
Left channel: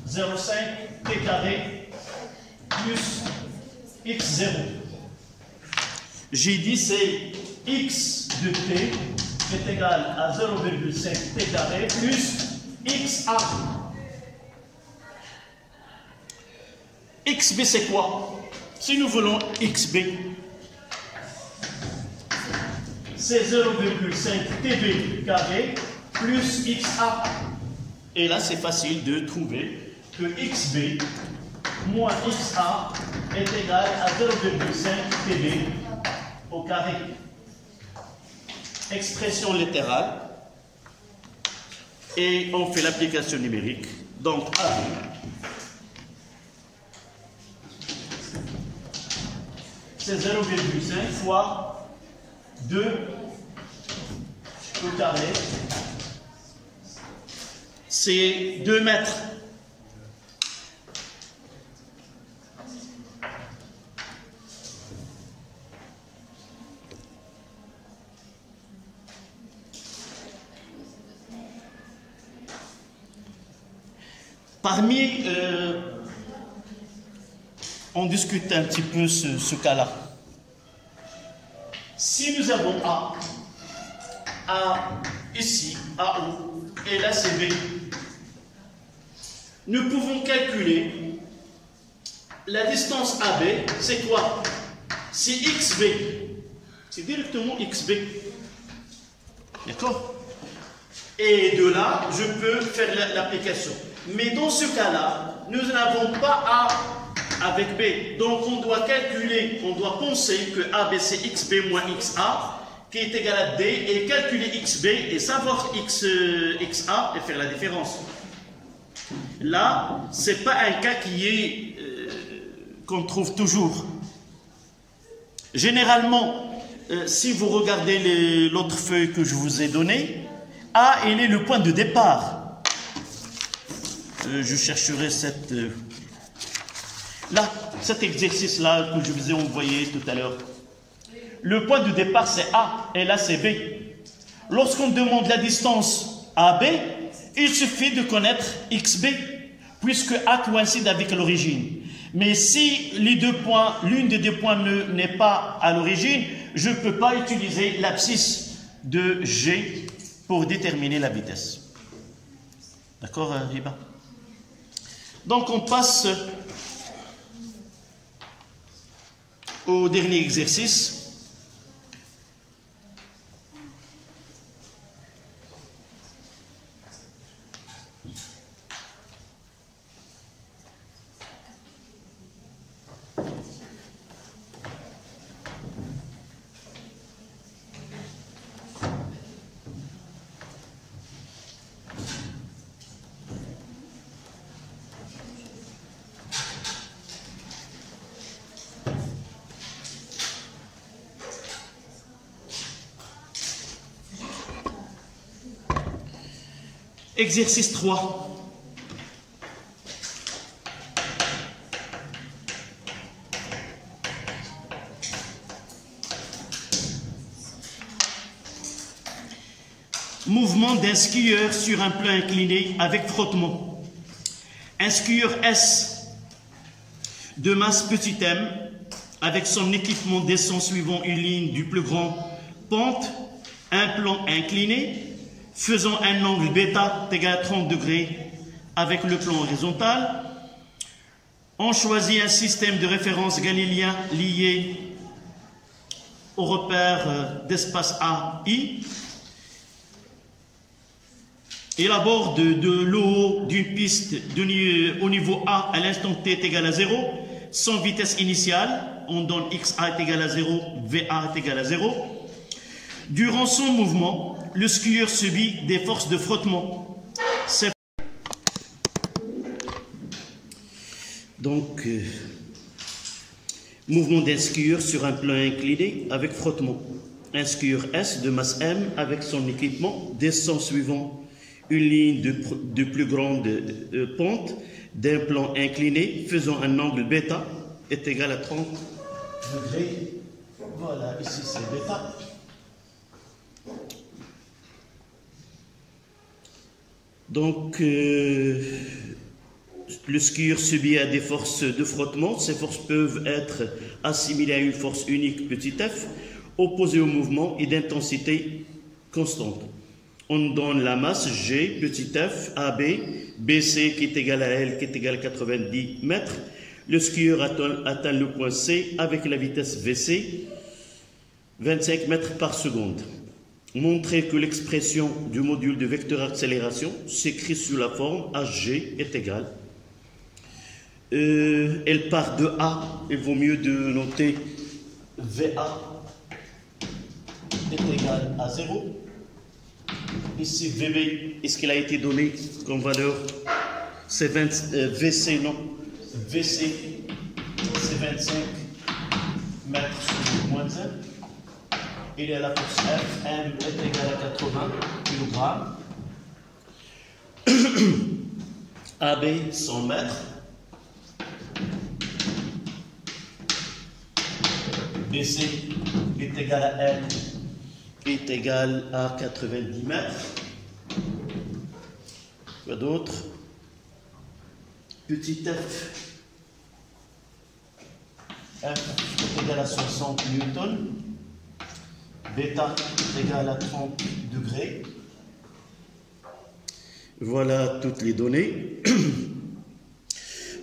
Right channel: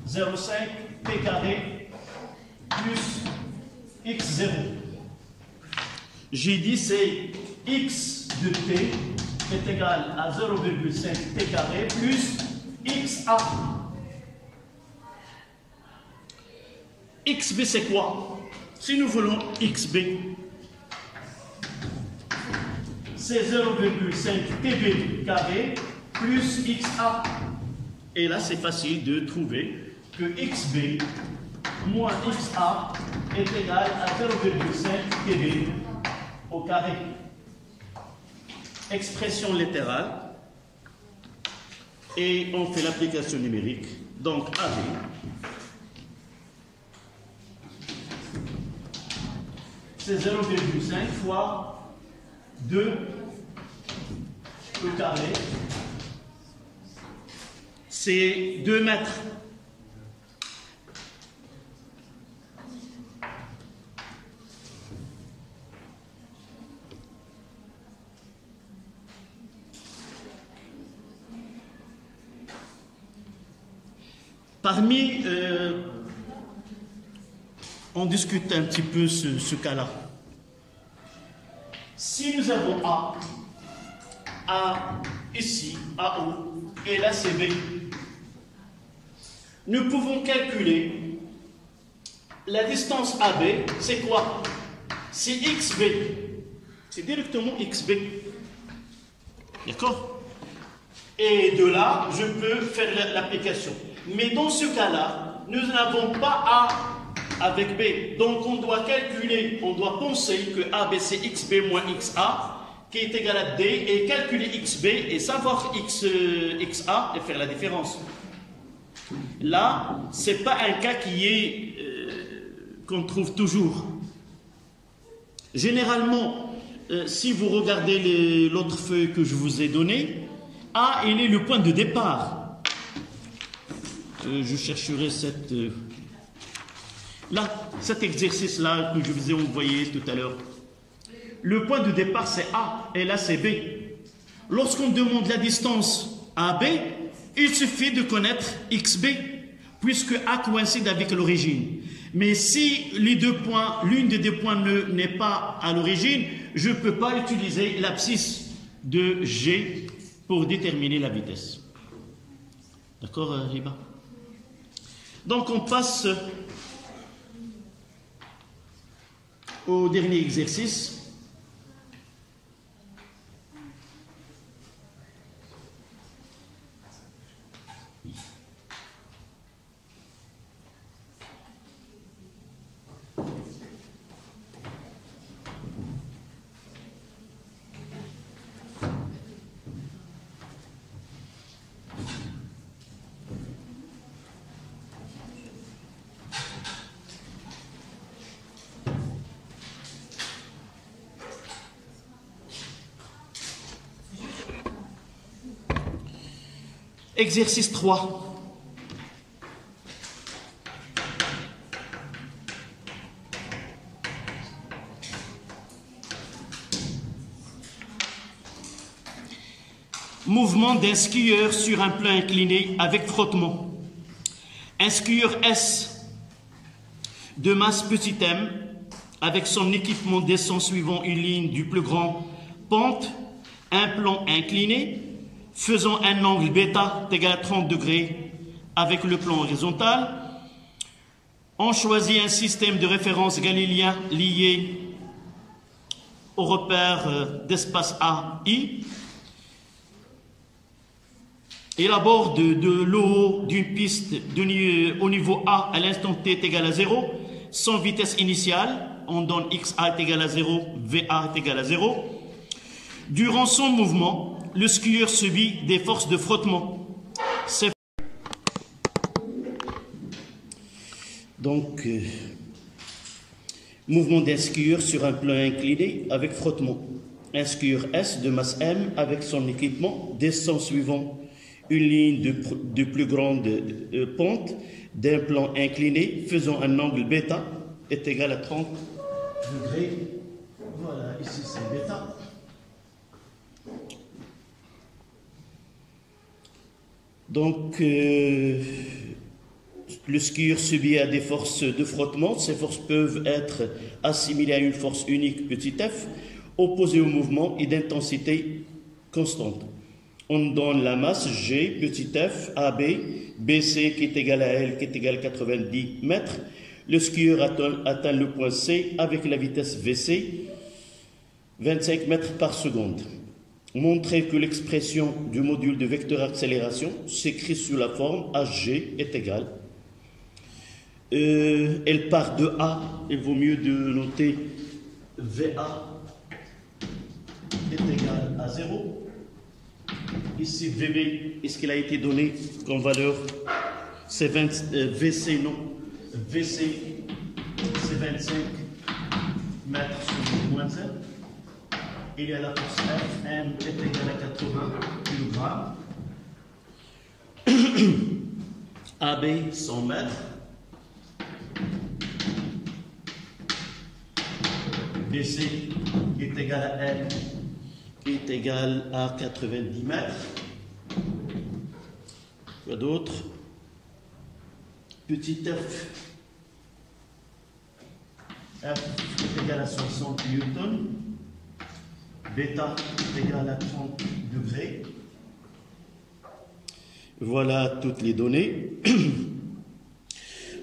0,5 t carré plus x0. J'ai dit c'est x de t est égal à 0,5 t carré plus xa. Xb c'est quoi? Si nous voulons xb, c'est 0,5 tb carré plus xa. Et là c'est facile de trouver que xb moins xa est égal à 0,5 tb au carré. Expression littérale. Et on fait l'application numérique. Donc AB, c'est 0,5 fois 2 au carré. C'est 2 mètres. Parmi, on discute un petit peu ce cas-là. Si nous avons A ici, AO, et là c'est B, nous pouvons calculer la distance AB, c'est quoi? C'est XB. C'est directement XB. D'accord? Et de là, je peux faire l'application. Mais dans ce cas-là, nous n'avons pas A avec B. Donc on doit calculer, on doit penser que AB c'est XB moins XA, qui est égal à D, et calculer XB et savoir XA et faire la différence. Là, ce n'est pas un cas qui est qu'on trouve toujours. Généralement, si vous regardez l'autre feuille que je vous ai donnée, A, il est le point de départ. Je chercherai cet exercice-là que je vous ai envoyé tout à l'heure. Le point de départ, c'est A, et là, c'est B. Lorsqu'on demande la distance AB, il suffit de connaître XB, puisque A coïncide avec l'origine. Mais si les deux points, l'une des deux points n'est pas à l'origine, je ne peux pas utiliser l'abscisse de G pour déterminer la vitesse. D'accord, Riba? Donc on passe au dernier exercice. Exercice 3. Mouvement d'un skieur sur un plan incliné avec frottement. Un skieur S de masse petit m avec son équipement descend suivant une ligne du plus grand pente, un plan incliné, faisant un angle bêta égal à 30 degrés avec le plan horizontal. On choisit un système de référence galiléen lié au repère d'espace A, I. Il aborde de l'eau d'une piste au niveau A à l'instant T est égal à 0, sans vitesse initiale. On donne XA est égal à 0, VA est égal à 0. Durant son mouvement, le skieur subit des forces de frottement. Donc, mouvement d'un skieur sur un plan incliné avec frottement. Un skieur S de masse M avec son équipement descend suivant une ligne de plus grande pente d'un plan incliné faisant un angle bêta est égal à 30 degrés. Voilà, ici c'est bêta. Donc, le skieur subit à des forces de frottement. Ces forces peuvent être assimilées à une force unique petit f, opposée au mouvement et d'intensité constante. On donne la masse G, petit f, AB, BC qui est égal à L, qui est égal à 90 mètres. Le skieur atteint le point C avec la vitesse VC, 25 mètres par seconde. Montrer que l'expression du module de vecteur accélération s'écrit sous la forme HG est égale. Elle part de A, il vaut mieux de noter VA est égal à 0. Ici VB, est-ce qu'il a été donné comme valeur? C'est VC, non. VC, c'est 25 mètres sur moins 1. Il y a la force F, M est égal à 80 kg. AB, 100 mètres. BC est égal à L, qui est égal à 90 mètres. Quoi d'autre? petit f est égal à 60 newtons, bêta est égal à 30 degrés. Voilà toutes les données.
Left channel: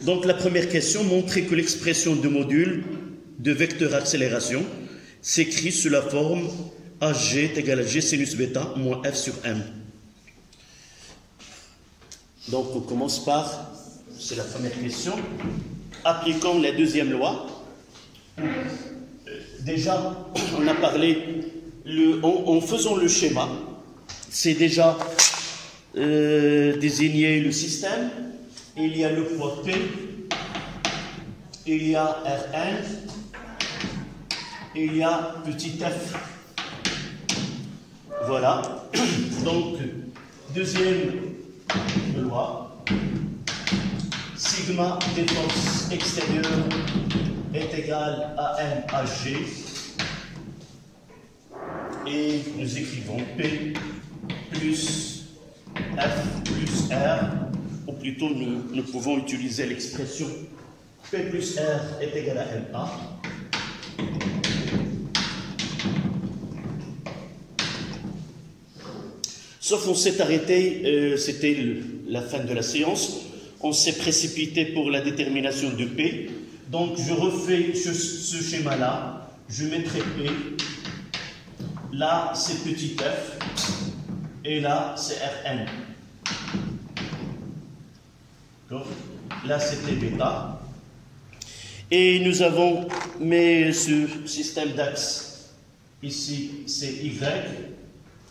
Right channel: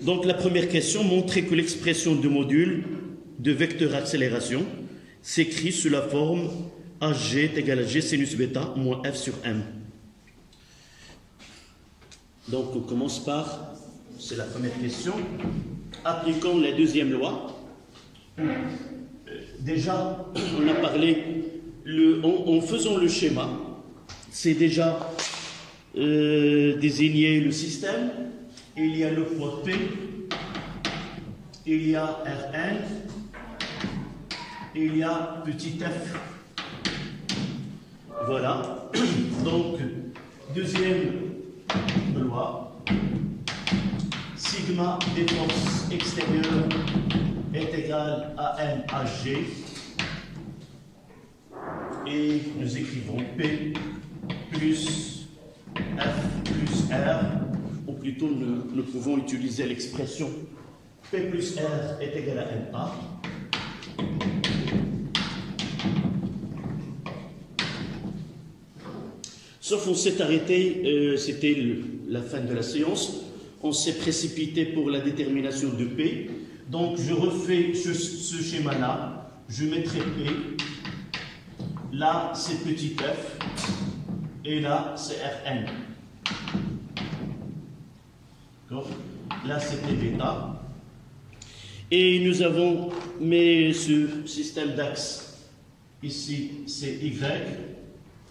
Donc la première question, montrer que l'expression de module de vecteur accélération s'écrit sous la forme Hg est égal à G sinus bêta moins F sur M. Donc on commence par, c'est la première question, appliquons la deuxième loi. Déjà, on a parlé, en faisant le schéma, c'est déjà désigner le système. Il y a le poids P, il y a Rn, il y a petit f. Voilà. Donc, deuxième loi, sigma des forces extérieures est égal à M à G. Et nous écrivons P plus F plus R. Ou plutôt, nous pouvons utiliser l'expression P plus R est égal à MA. Sauf on s'est arrêté, c'était la fin de la séance, on s'est précipité pour la détermination de P. Donc je refais ce schéma-là, je mettrai P, là c'est petit f, et là c'est Rn. Là, c'était bêta. Et nous avons mis ce système d'axe. Ici, c'est Y.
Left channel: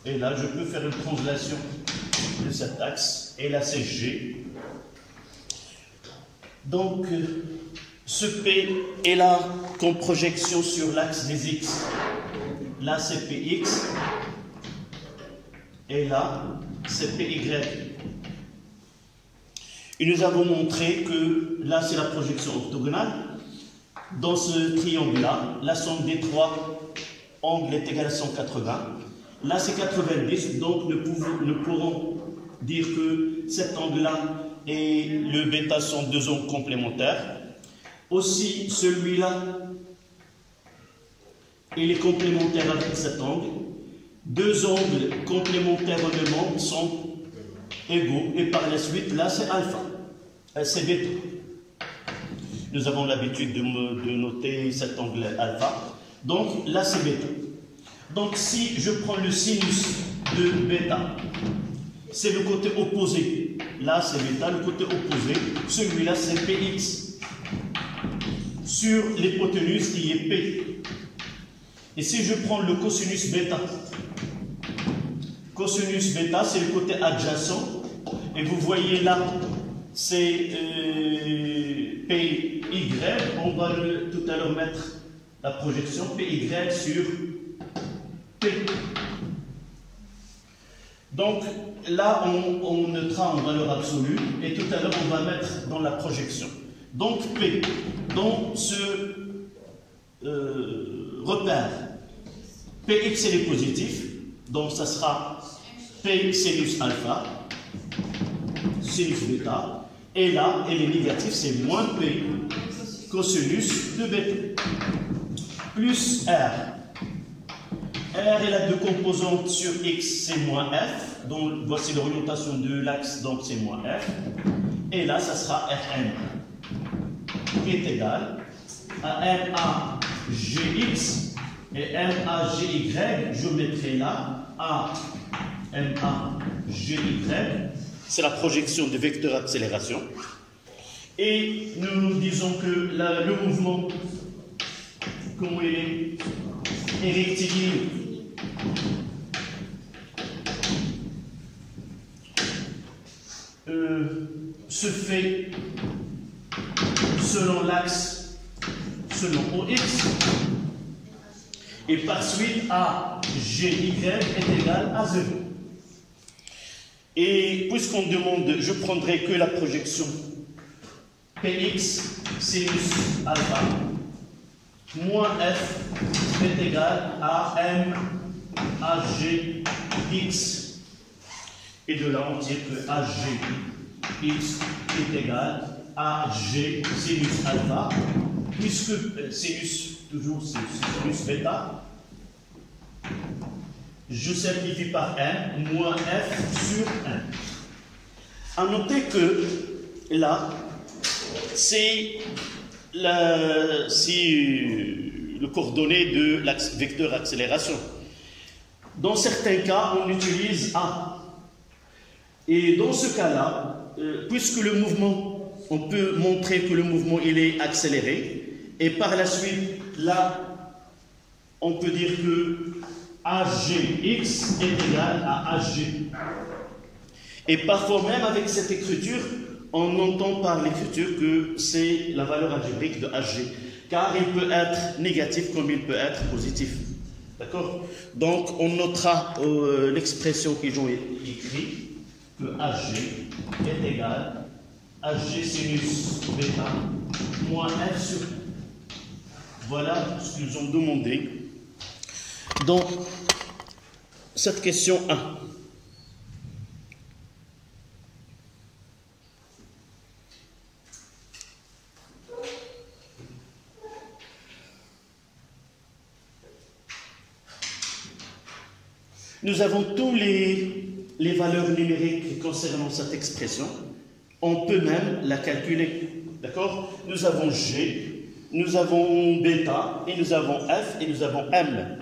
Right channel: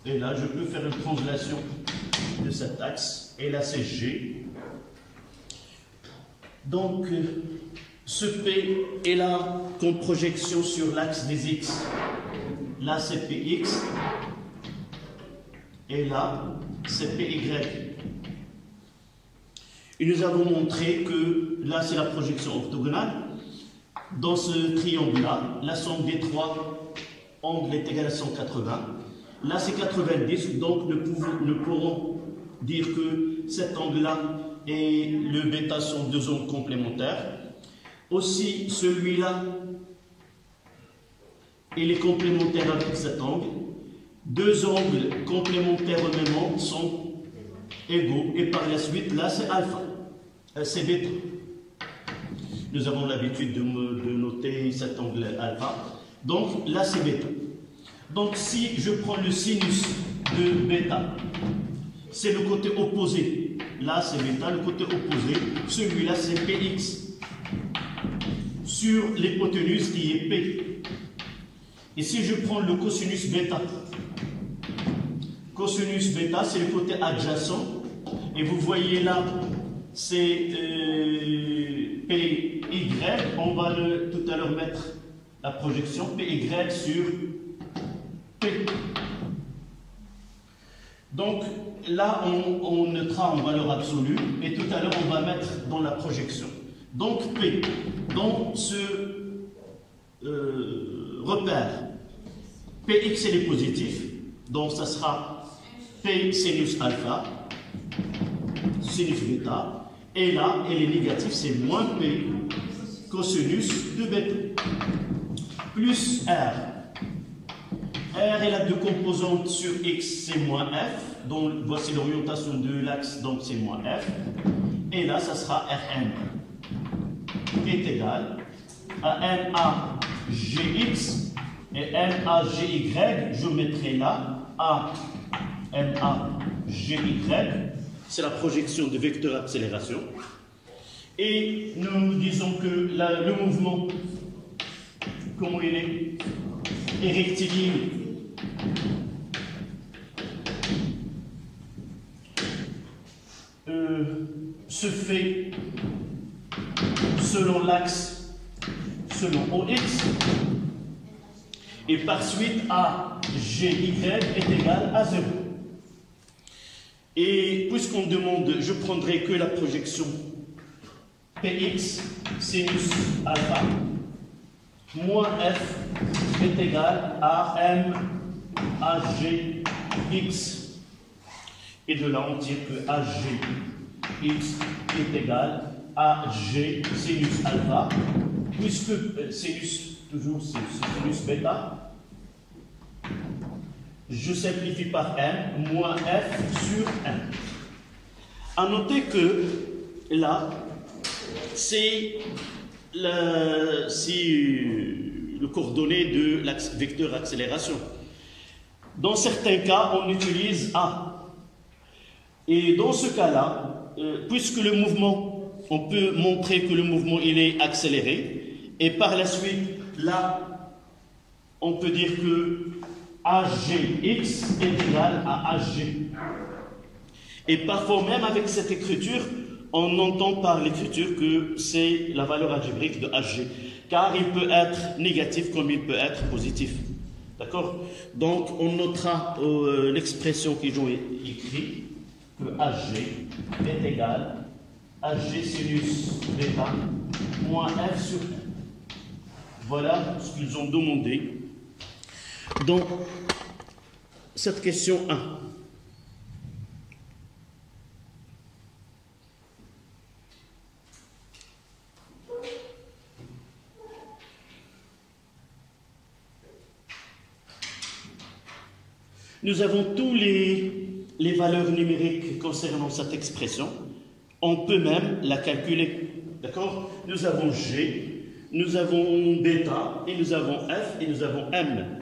Et là, je peux faire une translation de cet axe. Et là, c'est G. Donc, ce P est là comme projection sur l'axe des X. Là, c'est PX. Et là, c'est PY. Et nous avons montré que là, c'est la projection orthogonale. Dans ce triangle-là, la somme des trois angles est égale à 180. Là, c'est 90. Donc, nous pourrons dire que cet angle-là et le bêta sont deux angles complémentaires. Aussi, celui-là, il est complémentaire avec cet angle. Deux angles complémentaires au même angle sont égaux. Et par la suite, là, c'est alpha. C'est bêta. Nous avons l'habitude de noter cet angle alpha. Donc, là, c'est bêta. Donc, si je prends le sinus de bêta, c'est le côté opposé. Là, c'est bêta, le côté opposé. Celui-là, c'est px. Sur l'hypoténuse qui est p. Et si je prends le cosinus bêta, cosinus bêta, c'est le côté adjacent. Et vous voyez là, c'est PY. On va tout à l'heure mettre la projection PY sur P. Donc là, on notera en valeur absolue. Et tout à l'heure, on va mettre dans la projection. Donc P, dans ce repère, Px est positif. Donc ça sera P sinus alpha. Sinus bêta, et là, elle est négative, c'est moins P cosinus de bêta, plus R. R est la deux composantes sur X, c'est moins F, donc voici l'orientation de l'axe, donc c'est moins F, et là, ça sera Rn, qui est égal à MA Gx et MA Gy, je mettrai là à MA Gy. C'est la projection de vecteur accélération. Et nous disons que le mouvement, comment il est rectiligne. Se fait selon l'axe, selon OX. Et par suite, AGY est égal à 0. Et puisqu'on demande, je prendrai que la projection Px sinus alpha moins F est égal à M AGX. Et de là, on tire que AGX est égal AG sinus alpha, puisque sinus, toujours c'est sinus bêta, je simplifie par M, moins F sur M. À noter que là, c'est le coordonné de l'axe vecteur accélération. Dans certains cas, on utilise A. Et dans ce cas-là, puisque le mouvement, on peut montrer que le mouvement il est accéléré, et par la suite, là, on peut dire que AGX est égal à AG. Et parfois même avec cette écriture, on entend par l'écriture que c'est la valeur algébrique de AG, car il peut être négatif comme il peut être positif. D'accord? Donc on notera l'expression qu'ils ont écrite, que AG est égal à AG sinus bêta moins F sur 1. Voilà ce qu'ils ont demandé dans cette question 1. Nous avons tous les valeurs numériques concernant cette expression. On peut même la calculer. D'accord? Nous avons G, nous avons bêta, et nous avons F, et nous avons M.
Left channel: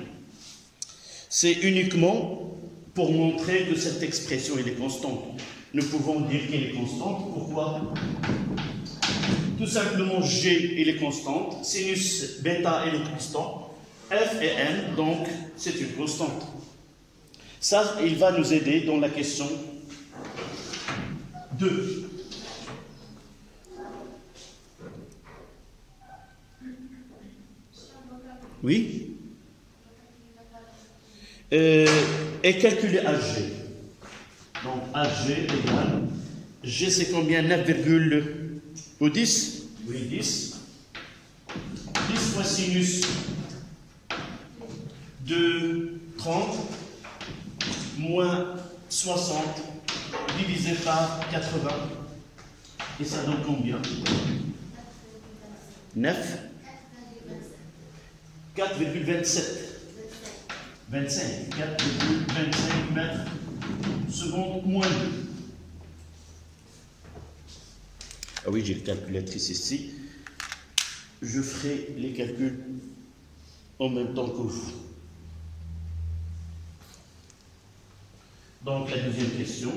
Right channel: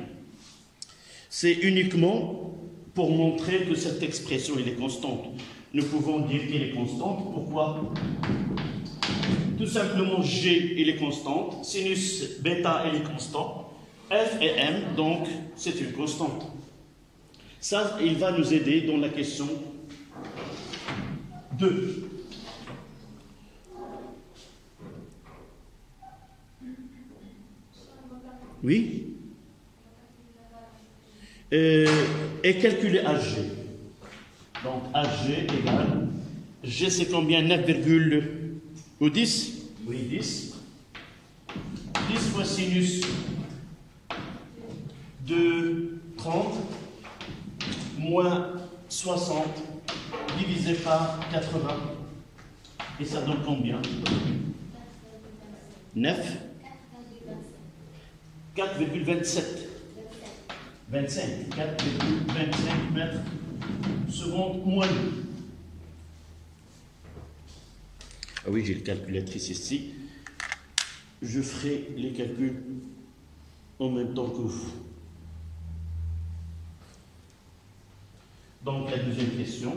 C'est uniquement pour montrer que cette expression elle est constante. Nous pouvons dire qu'elle est constante. Pourquoi? Tout simplement, G elle est constante, sinus bêta elle est constante, F et M, donc c'est une constante. Ça, il va nous aider dans la question 2. Oui? Et calculer AG. Donc AG égale, G c'est combien? 9,10? Oui, 10. 10 fois sinus de 30 moins 60 divisé par 80. Et ça donne combien? 9? 4,27. 25. 4,25 mètres secondes moins 2. Ah oui, j'ai le calculatrice ici. Je ferai les calculs en même temps que vous. Donc, la deuxième question.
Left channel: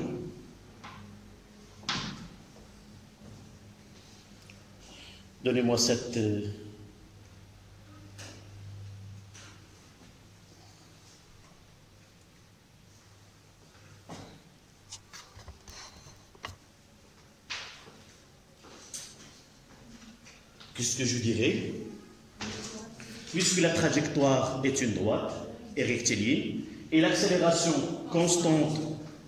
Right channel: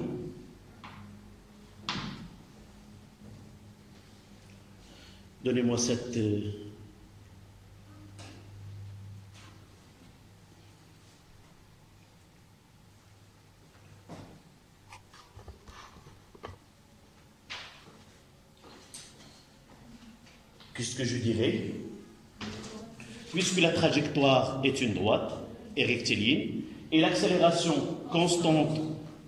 Donnez-moi cette... Qu'est-ce que je dirais? Puisque la trajectoire est une droite et rectiligne, et l'accélération constante,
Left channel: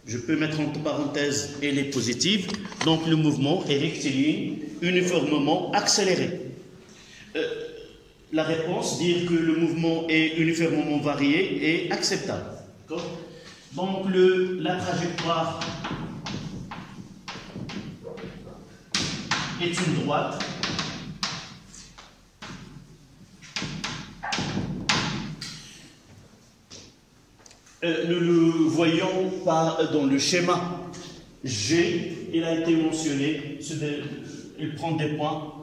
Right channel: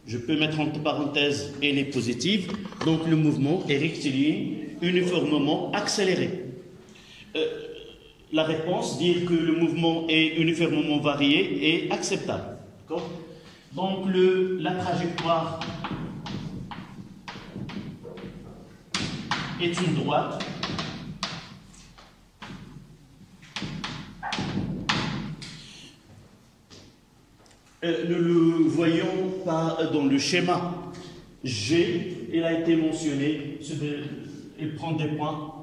je peux mettre entre parenthèses, elle est positive, donc le mouvement est rectiligne, uniformément accéléré. La réponse, dire que le mouvement est uniformément varié, est acceptable. Donc la trajectoire est une droite. Nous le voyons dans le schéma. G, il a été mentionné, il prend des points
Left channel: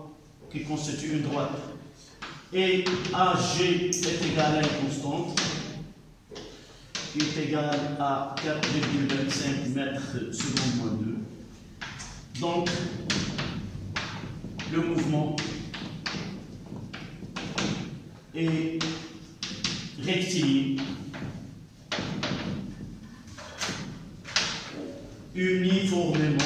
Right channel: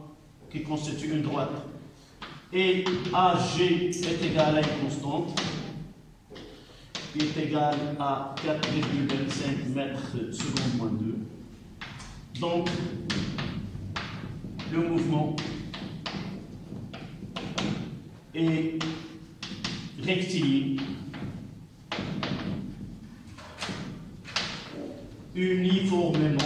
qui constituent une droite. Et AG est égal à une constante, qui est égal à 4,25 mètres secondes moins 2. Donc, le mouvement est rectiligne, uniformément,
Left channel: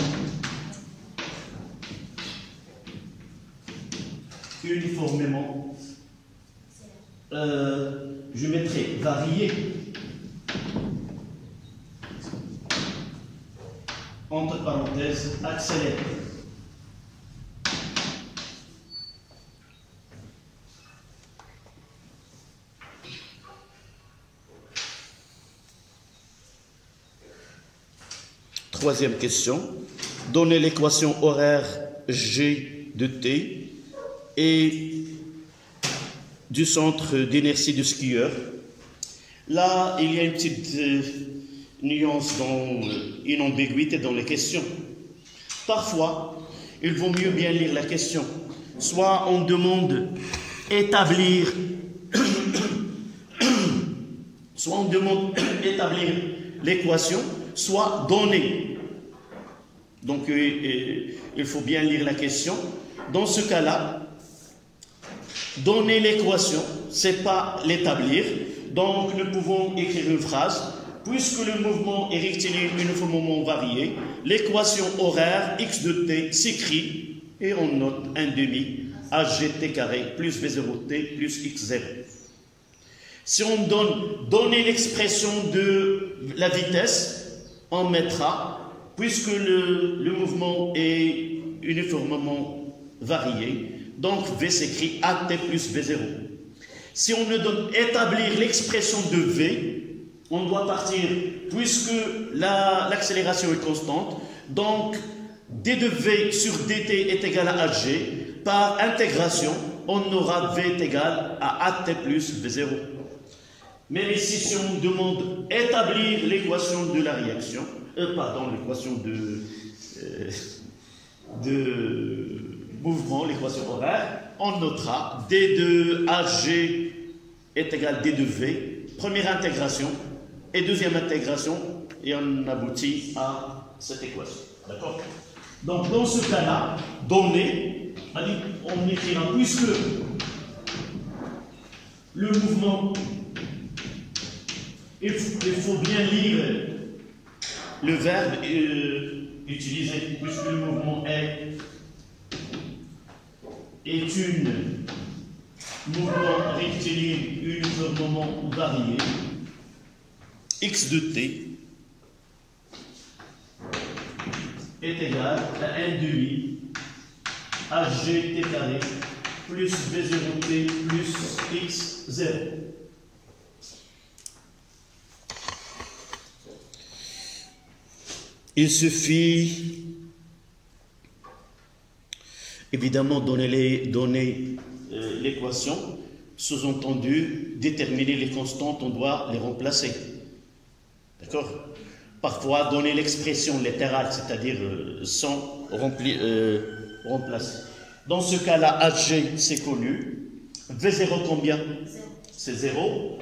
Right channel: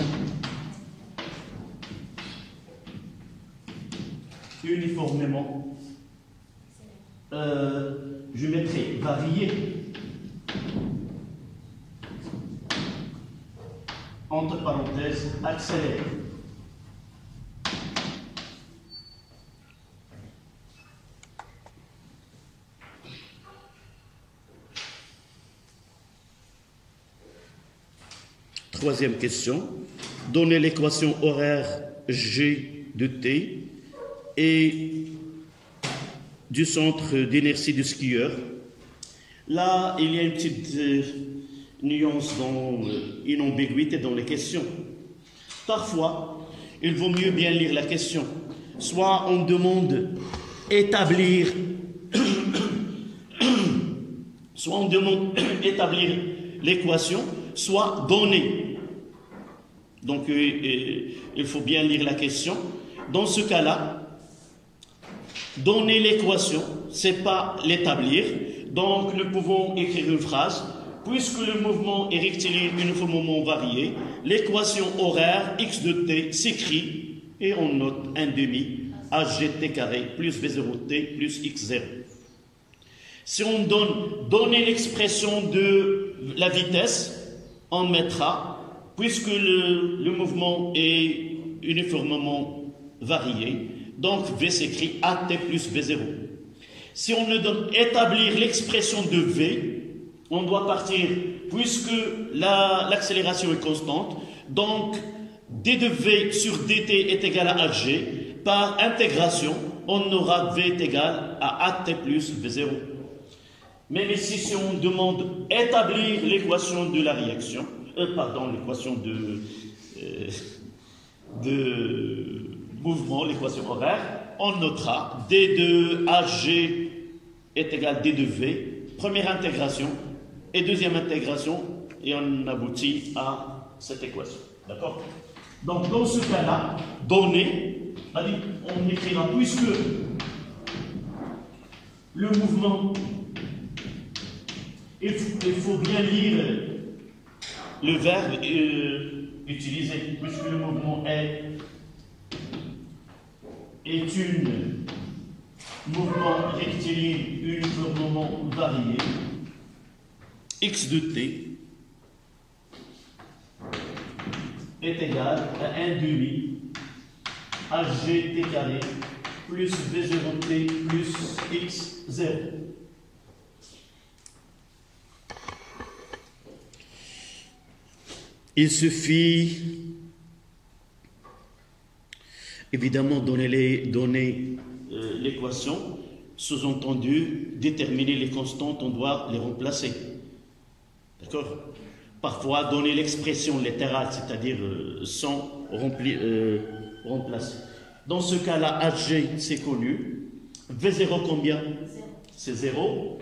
je mettrai varié entre parenthèses accéléré. Troisième question. Donnez l'équation horaire G de T et du centre d'inertie du skieur. Là, il y a une petite nuance, une ambiguïté dans les questions. Parfois, il vaut mieux bien lire la question. Soit on demande établir, soit on demande établir l'équation, soit donner. Donc, il faut bien lire la question. Dans ce cas-là, donner l'équation, c'est pas l'établir. Donc, nous pouvons écrire une phrase. Puisque le mouvement est rectiligne uniformément varié, l'équation horaire x de t s'écrit et on note 1/2 hgt carré plus v0t plus x0. Si on donner l'expression de la vitesse, on mettra, puisque le mouvement est uniformément varié, donc v s'écrit at plus v0. Si on ne donne établir l'expression de v, on doit partir, puisque l'accélération est constante, donc d de v sur dt est égal à hg, par intégration, on aura v est égal à at plus v0. Même ici, si on demande établir l'équation de la réaction, l'équation de mouvement, l'équation horaire, on notera d de hg est égal à d de v, première intégration, et deuxième intégration, et on aboutit à cette équation. D'accord? Donc, dans ce cas-là, donner, on écrira, puisque le mouvement, il faut bien lire le verbe utilisé, puisque le mouvement est un mouvement rectiligne uniformément varié, x de t est égal à 1/2 hgt carré plus v0t plus x0. Il suffit évidemment donner l'équation, sous-entendu déterminer les constantes, on doit les remplacer. D'accord? Parfois, donner l'expression littérale, c'est-à-dire sans remplacer. Dans ce cas-là, Hg, c'est connu. V0 combien? C'est 0.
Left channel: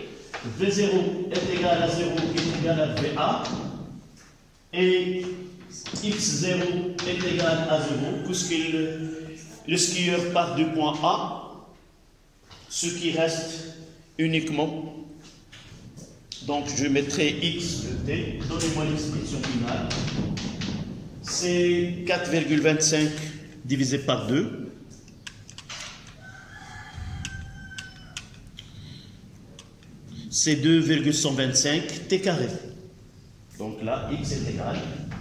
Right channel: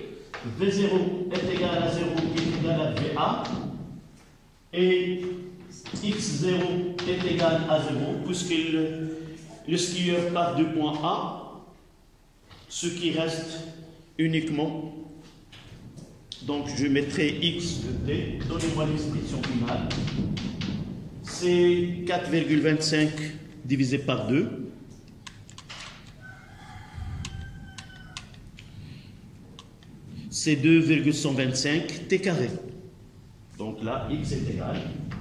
V0 est égal à 0, est égal à VA. Et x0 est égal à 0, puisque le skieur part du point A, ce qui reste uniquement. Donc, je mettrai x de t, donnez-moi l'expression finale. C'est 4,25 divisé par 2. C'est 2,125 t carré. Donc là, x est égal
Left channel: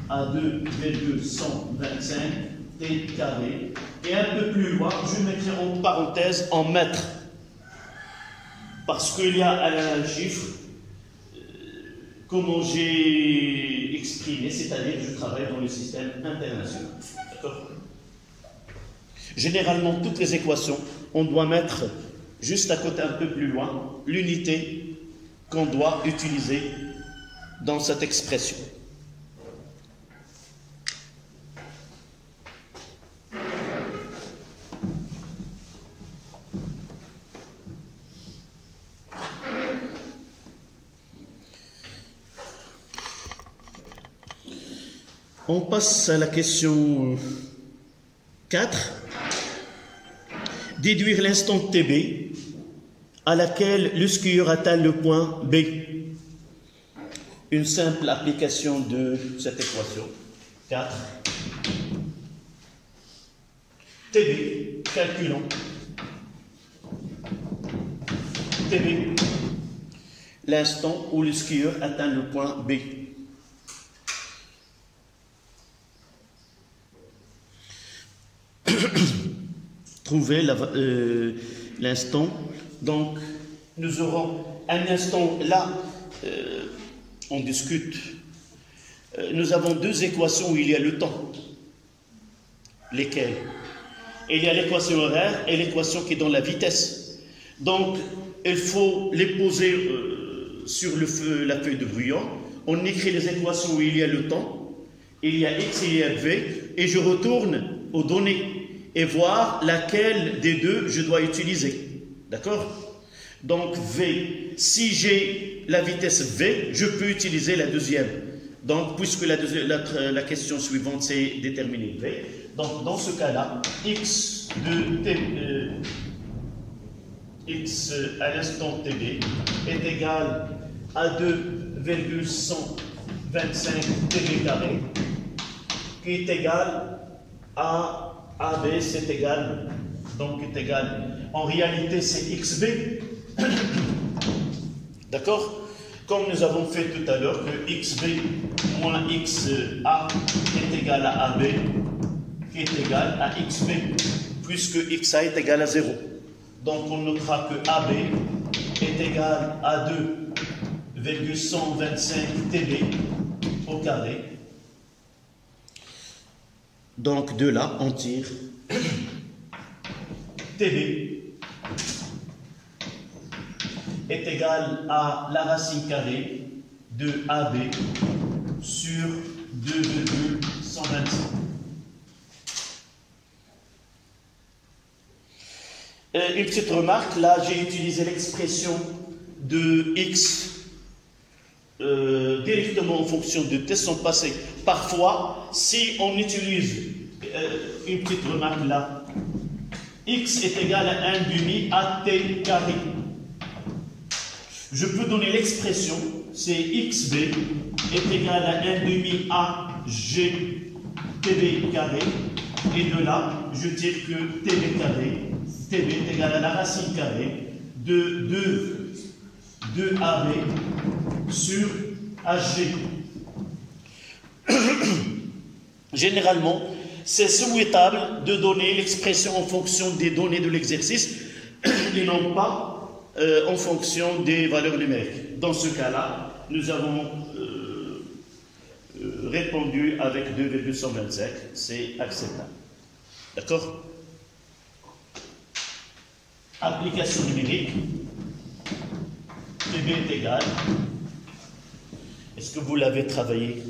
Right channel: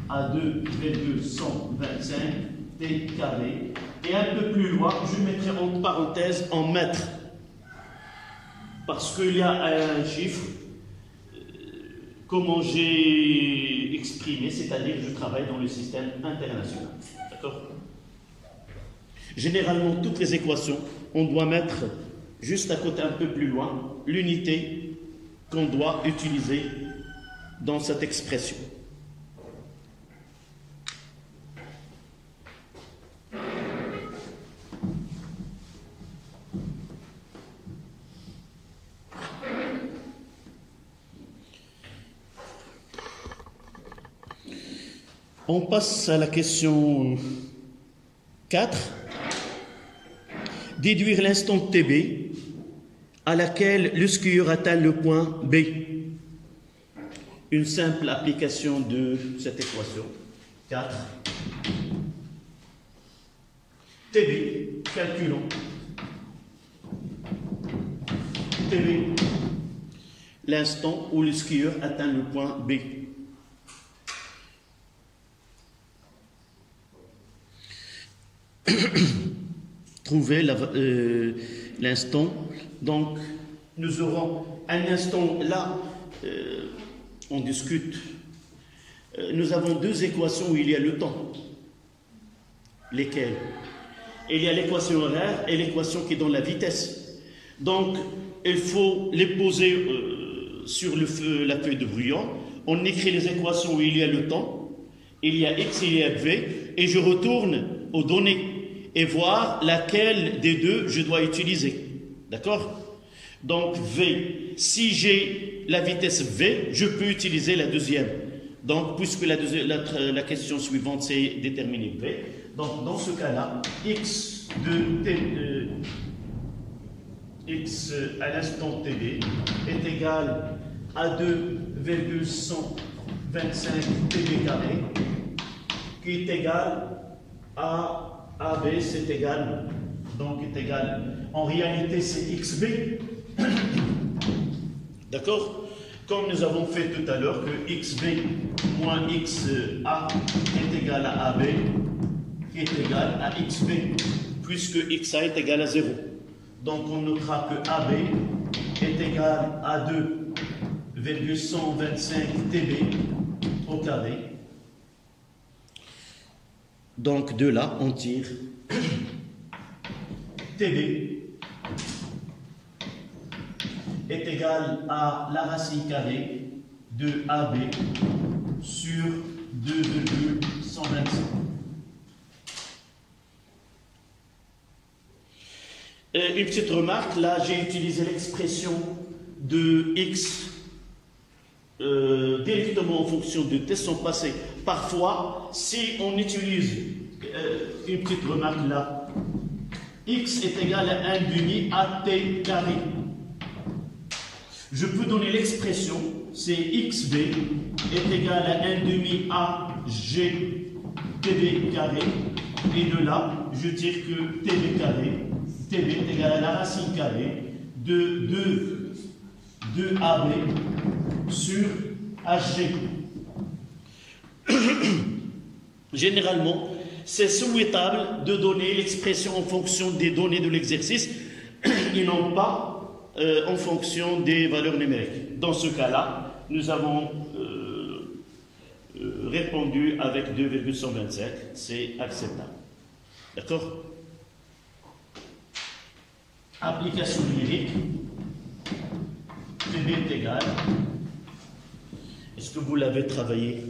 à 2,125 t carré. Et un peu plus loin, je mettrai en parenthèse en mètres. Parce qu'il y a un chiffre, comment j'ai exprimé, c'est-à-dire je travaille dans le système international. D'accord? Généralement, toutes les équations, on doit mettre juste à côté, un peu plus loin, l'unité qu'on doit utiliser dans cette expression. On passe à la question 4. Déduire l'instant TB à laquelle le skieur atteint le point B. Une simple application de cette équation. 4. TB, calculons. TB, l'instant où le skieur atteint le point B. Trouver l'instant. Donc, nous aurons un instant là, on discute. Nous avons deux équations où il y a le temps. Lesquelles? Il y a l'équation horaire et l'équation qui donne la vitesse. Donc, il faut les poser sur la feuille de brouillon. On écrit les équations où il y a le temps, il y a x, il y a v, et je retourne aux données et voir laquelle des deux je dois utiliser. D'accord? Donc, v, si j'ai la vitesse v, je peux utiliser la deuxième. Donc, puisque la question suivante, c'est déterminer v, donc dans ce cas-là, x à l'instant tb est égal à 2,125 tb carré, qui est égal à AB, c'est égal, donc est égal, en réalité c'est xb, d'accord? Comme nous avons fait tout à l'heure que xb moins xa est égal à ab, qui est égal à xb, puisque xa est égal à 0. Donc on notera que ab est égal à 2,125 tb au carré. Donc de là, on tire tb est égal à la racine carrée de AB sur 2,125. Une petite remarque, là j'ai utilisé l'expression de x directement en fonction de t sans passé. Parfois, si on utilise une petite remarque là, x est égal à 1/2 at carré. Je peux donner l'expression, c'est xb est égal à 1/2 ag tb carré, et de là, je tire que tb carré, tb est égal à la racine carrée de 2ab sur ag. Généralement, c'est souhaitable de donner l'expression en fonction des données de l'exercice et non pas en fonction des valeurs numériques. Dans ce cas-là, nous avons répondu avec 2,125, c'est acceptable. D'accord? Application numérique, PB est égal. Est-ce que vous l'avez travaillé?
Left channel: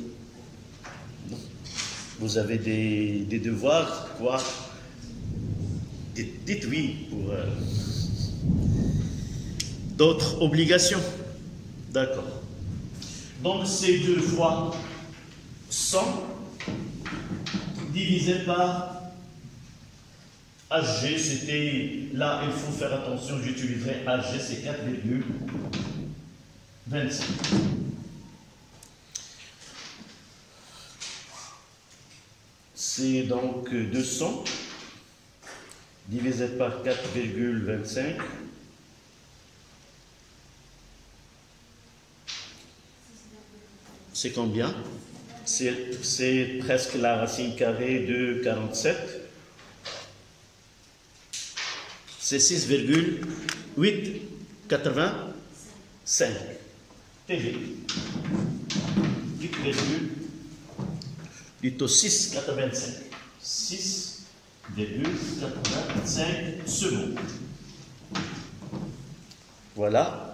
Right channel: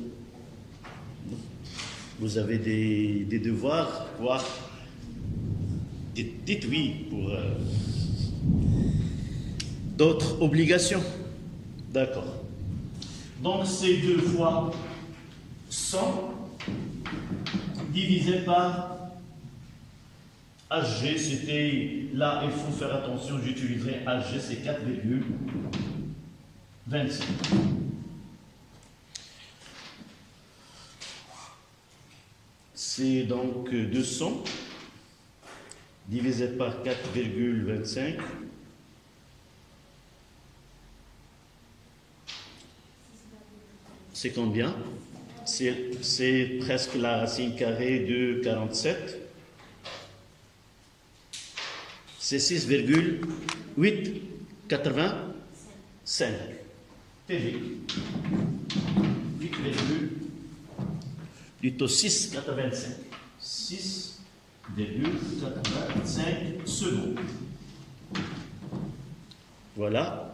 Non. Vous avez des devoirs, quoi? Dites oui pour... D'autres obligations? D'accord. Donc c'est 2 fois 100 divisé par HG, c'était, là il faut faire attention, j'utiliserai HG, c'est 4,25. C'est donc 200 divisé par 4,25. C'est combien? C'est presque la racine carrée de 47. C'est 6,885 TV. 6,85. 6,85 secondes. Voilà.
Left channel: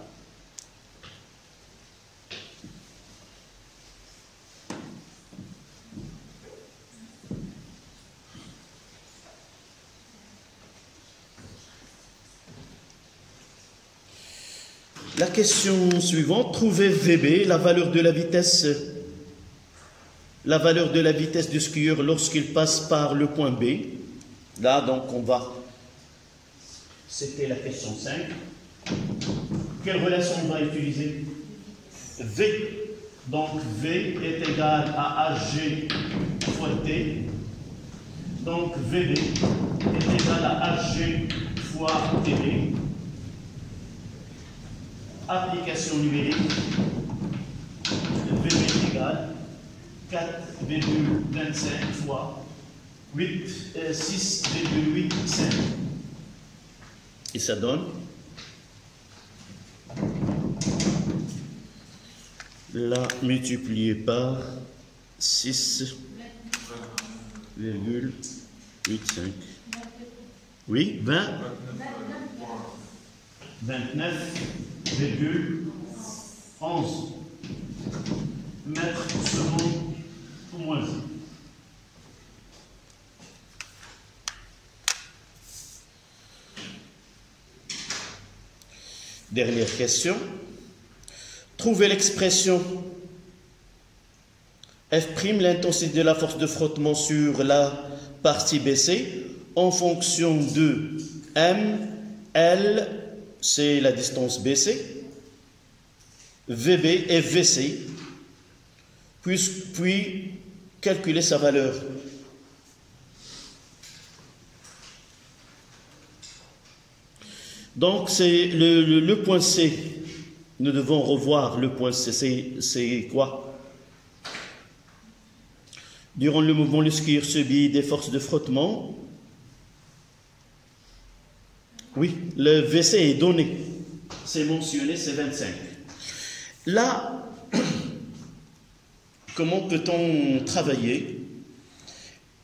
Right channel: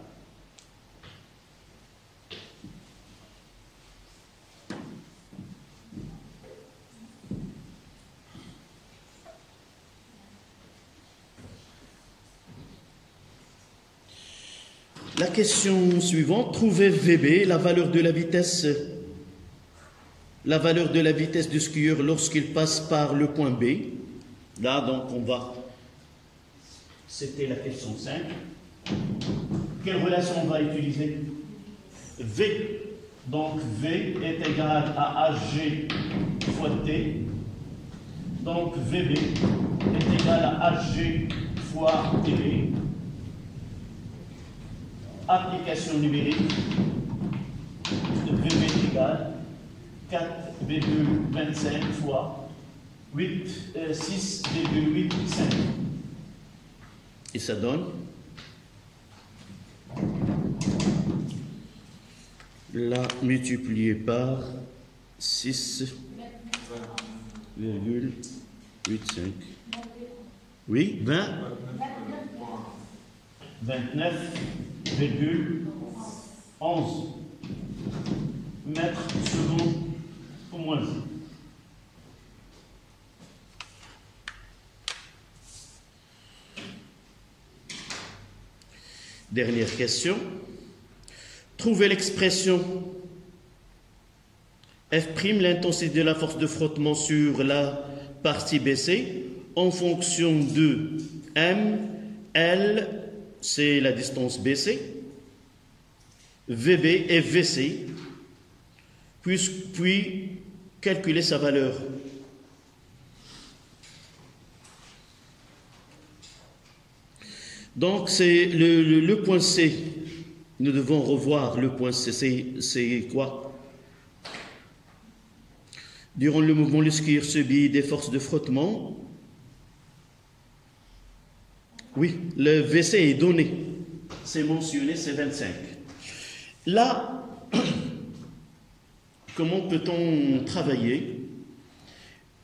La question suivante, trouvez VB, la valeur de la vitesse du skieur lorsqu'il passe par le point B. Là, donc, on va... C'était la question 5. Quelle relation on va utiliser? V. Donc, V est égal à AG fois T. Donc, VB est égal à AG fois TB. Application numérique, VB est égal 4,25 fois 6,85. Et ça donne là multiplié par 6,85. 8, 5. Oui, 20. 29,11 mètres secondes au moins. Dernière question. Trouvez l'expression F', l'intensité de la force de frottement sur la partie BC, en fonction de M, L, c'est la distance BC, VB et VC, puis calculer sa valeur. Donc, c'est le point C. Nous devons revoir le point C. C'est quoi? Durant le mouvement, le skieur subit des forces de frottement. Oui, le VC est donné. C'est mentionné, c'est 25. Là, comment peut-on travailler?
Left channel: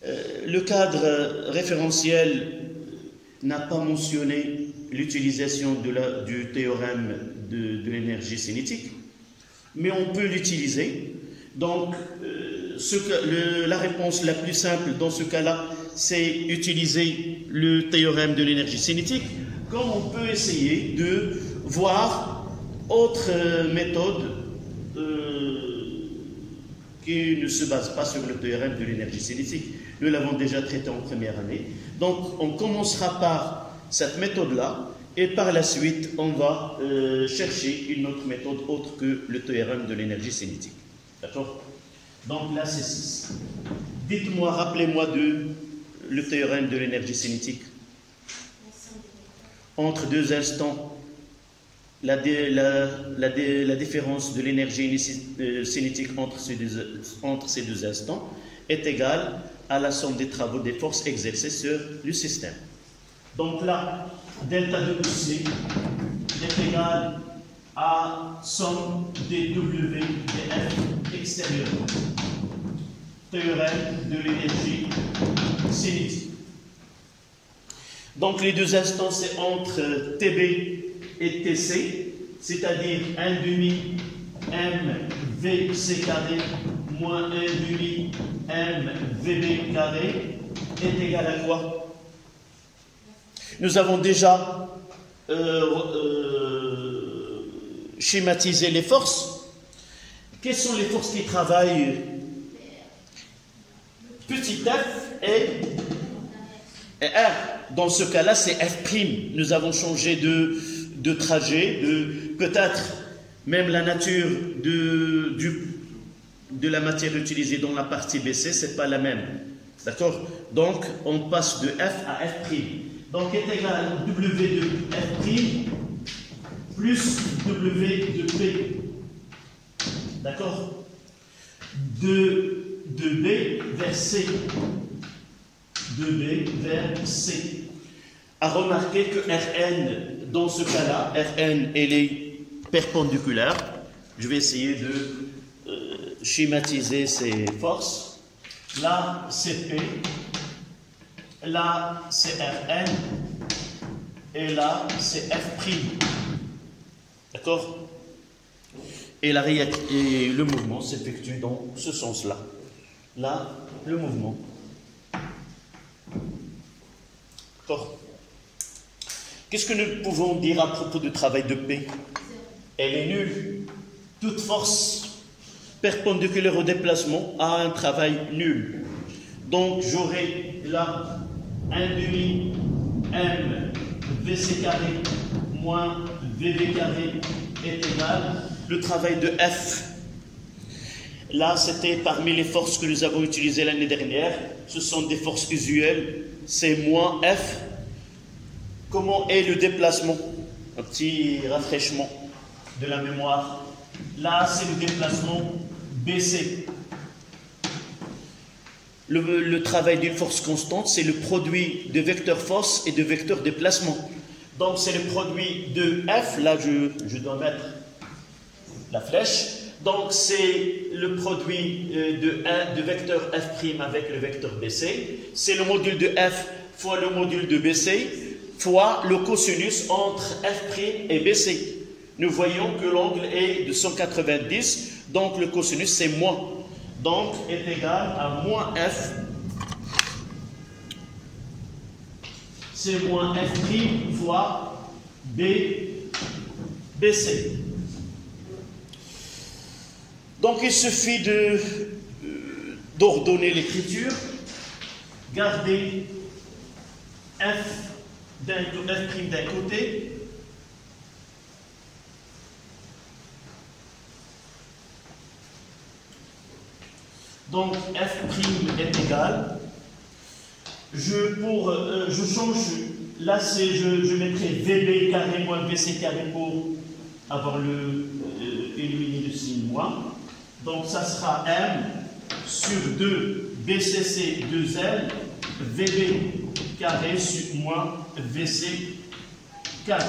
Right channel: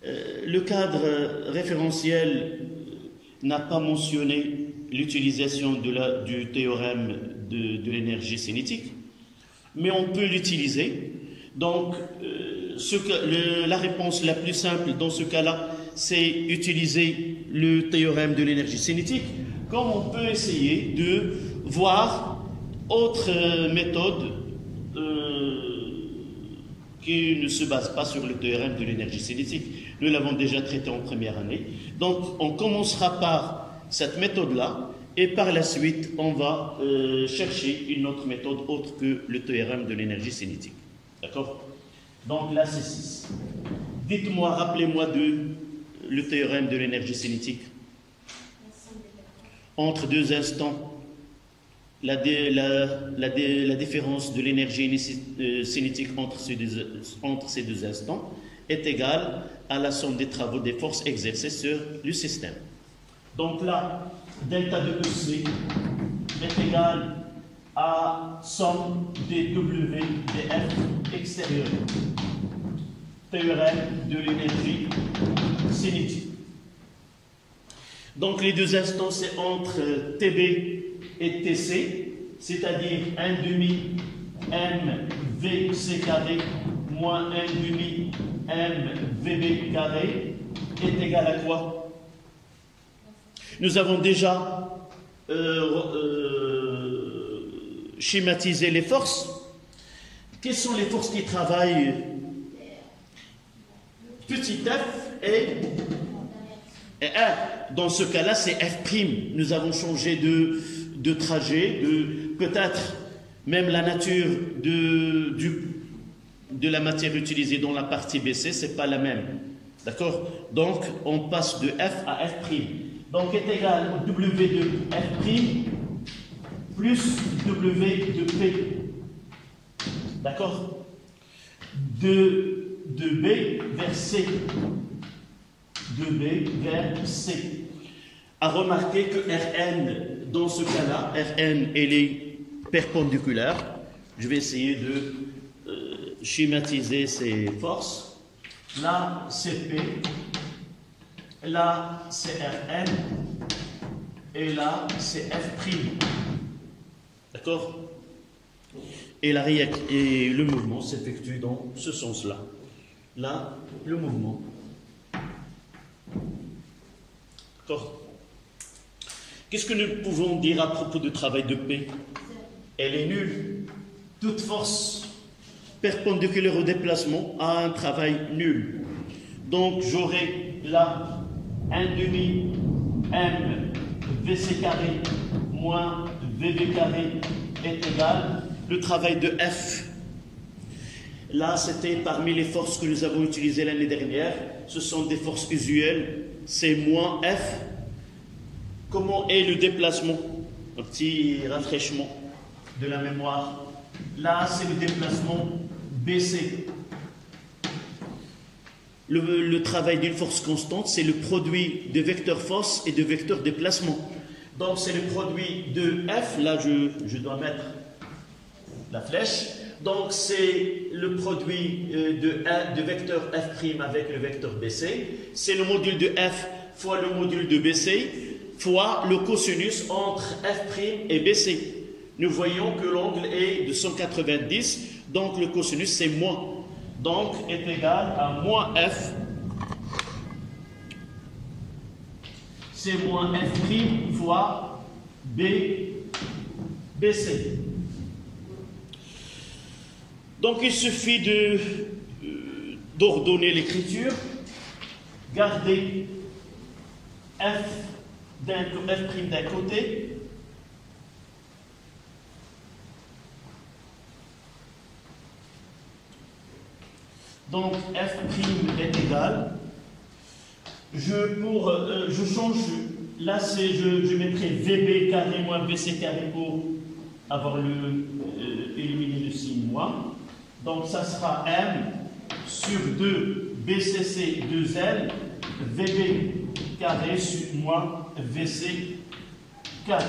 Le cadre référentiel n'a pas mentionné l'utilisation du théorème de l'énergie cinétique, mais on peut l'utiliser. Donc, la réponse la plus simple dans ce cas-là, c'est utiliser le théorème de l'énergie cinétique, comme on peut essayer de voir autre méthode qui ne se base pas sur le théorème de l'énergie cinétique. Nous l'avons déjà traité en première année. Donc, on commencera par cette méthode-là, et par la suite, on va chercher une autre méthode autre que le théorème de l'énergie cinétique. D'accord? Donc là, c'est 6. Dites-moi, rappelez-moi le théorème de l'énergie cinétique. Entre deux instants, la différence de l'énergie cinétique entre ces deux instants est égale à la somme des travaux des forces exercées sur le système. Donc là, delta de EC est égal à somme des W des F extérieurs. Théorème de l'énergie cinétique. Donc les deux instants, c'est entre TB et TC, c'est-à-dire 1 demi MVC carré moins 1 demi MVB carré est égal à quoi? Nous avons déjà schématisé les forces. Quelles sont les forces qui travaillent? Petit f et R. Dans ce cas-là, c'est F'. Nous avons changé de trajet, peut-être même la nature de la matière utilisée dans la partie BC, ce n'est pas la même. D'accord? Donc, on passe de F à F'. Donc, est égal à W de F' plus W de P. D'accord? De B vers C. De B vers C. À remarquer que Rn, dans ce cas-là, Rn, elle est perpendiculaire. Je vais essayer de schématiser ces forces. Là, c'est P. Là, c'est Rn. Et là, c'est F'. D'accord? Et le mouvement s'effectue dans ce sens-là. Là, le mouvement. D'accord? Qu'est-ce que nous pouvons dire à propos du travail de P? Elle est nulle. Toute force perpendiculaire au déplacement a un travail nul. Donc, j'aurai là 1 demi M VC carré moins VB carré est égal. Le travail de F, là, c'était parmi les forces que nous avons utilisées l'année dernière. Ce sont des forces usuelles. C'est moins F. Comment est le déplacement? Un petit rafraîchissement de la mémoire. Là, c'est le déplacement BC. Le travail d'une force constante, c'est le produit de vecteur force et de vecteur déplacement. Donc, c'est le produit de F. Là, je dois mettre la flèche. Donc c'est le produit de vecteur f' avec le vecteur BC. C'est le module de f fois le module de BC fois le cosinus entre f' et BC. Nous voyons que l'angle est de 190, donc le cosinus c'est moins. Donc est égal à moins f, c'est moins f' fois BC. Donc il suffit d'ordonner l'écriture, garder f' d'un côté, donc f' est égal, je change, là je mettrai VB carré moins VC carré pour avoir éliminer le signe moins. Donc ça sera M sur 2 BCC 2L VB carré sur moins VC carré.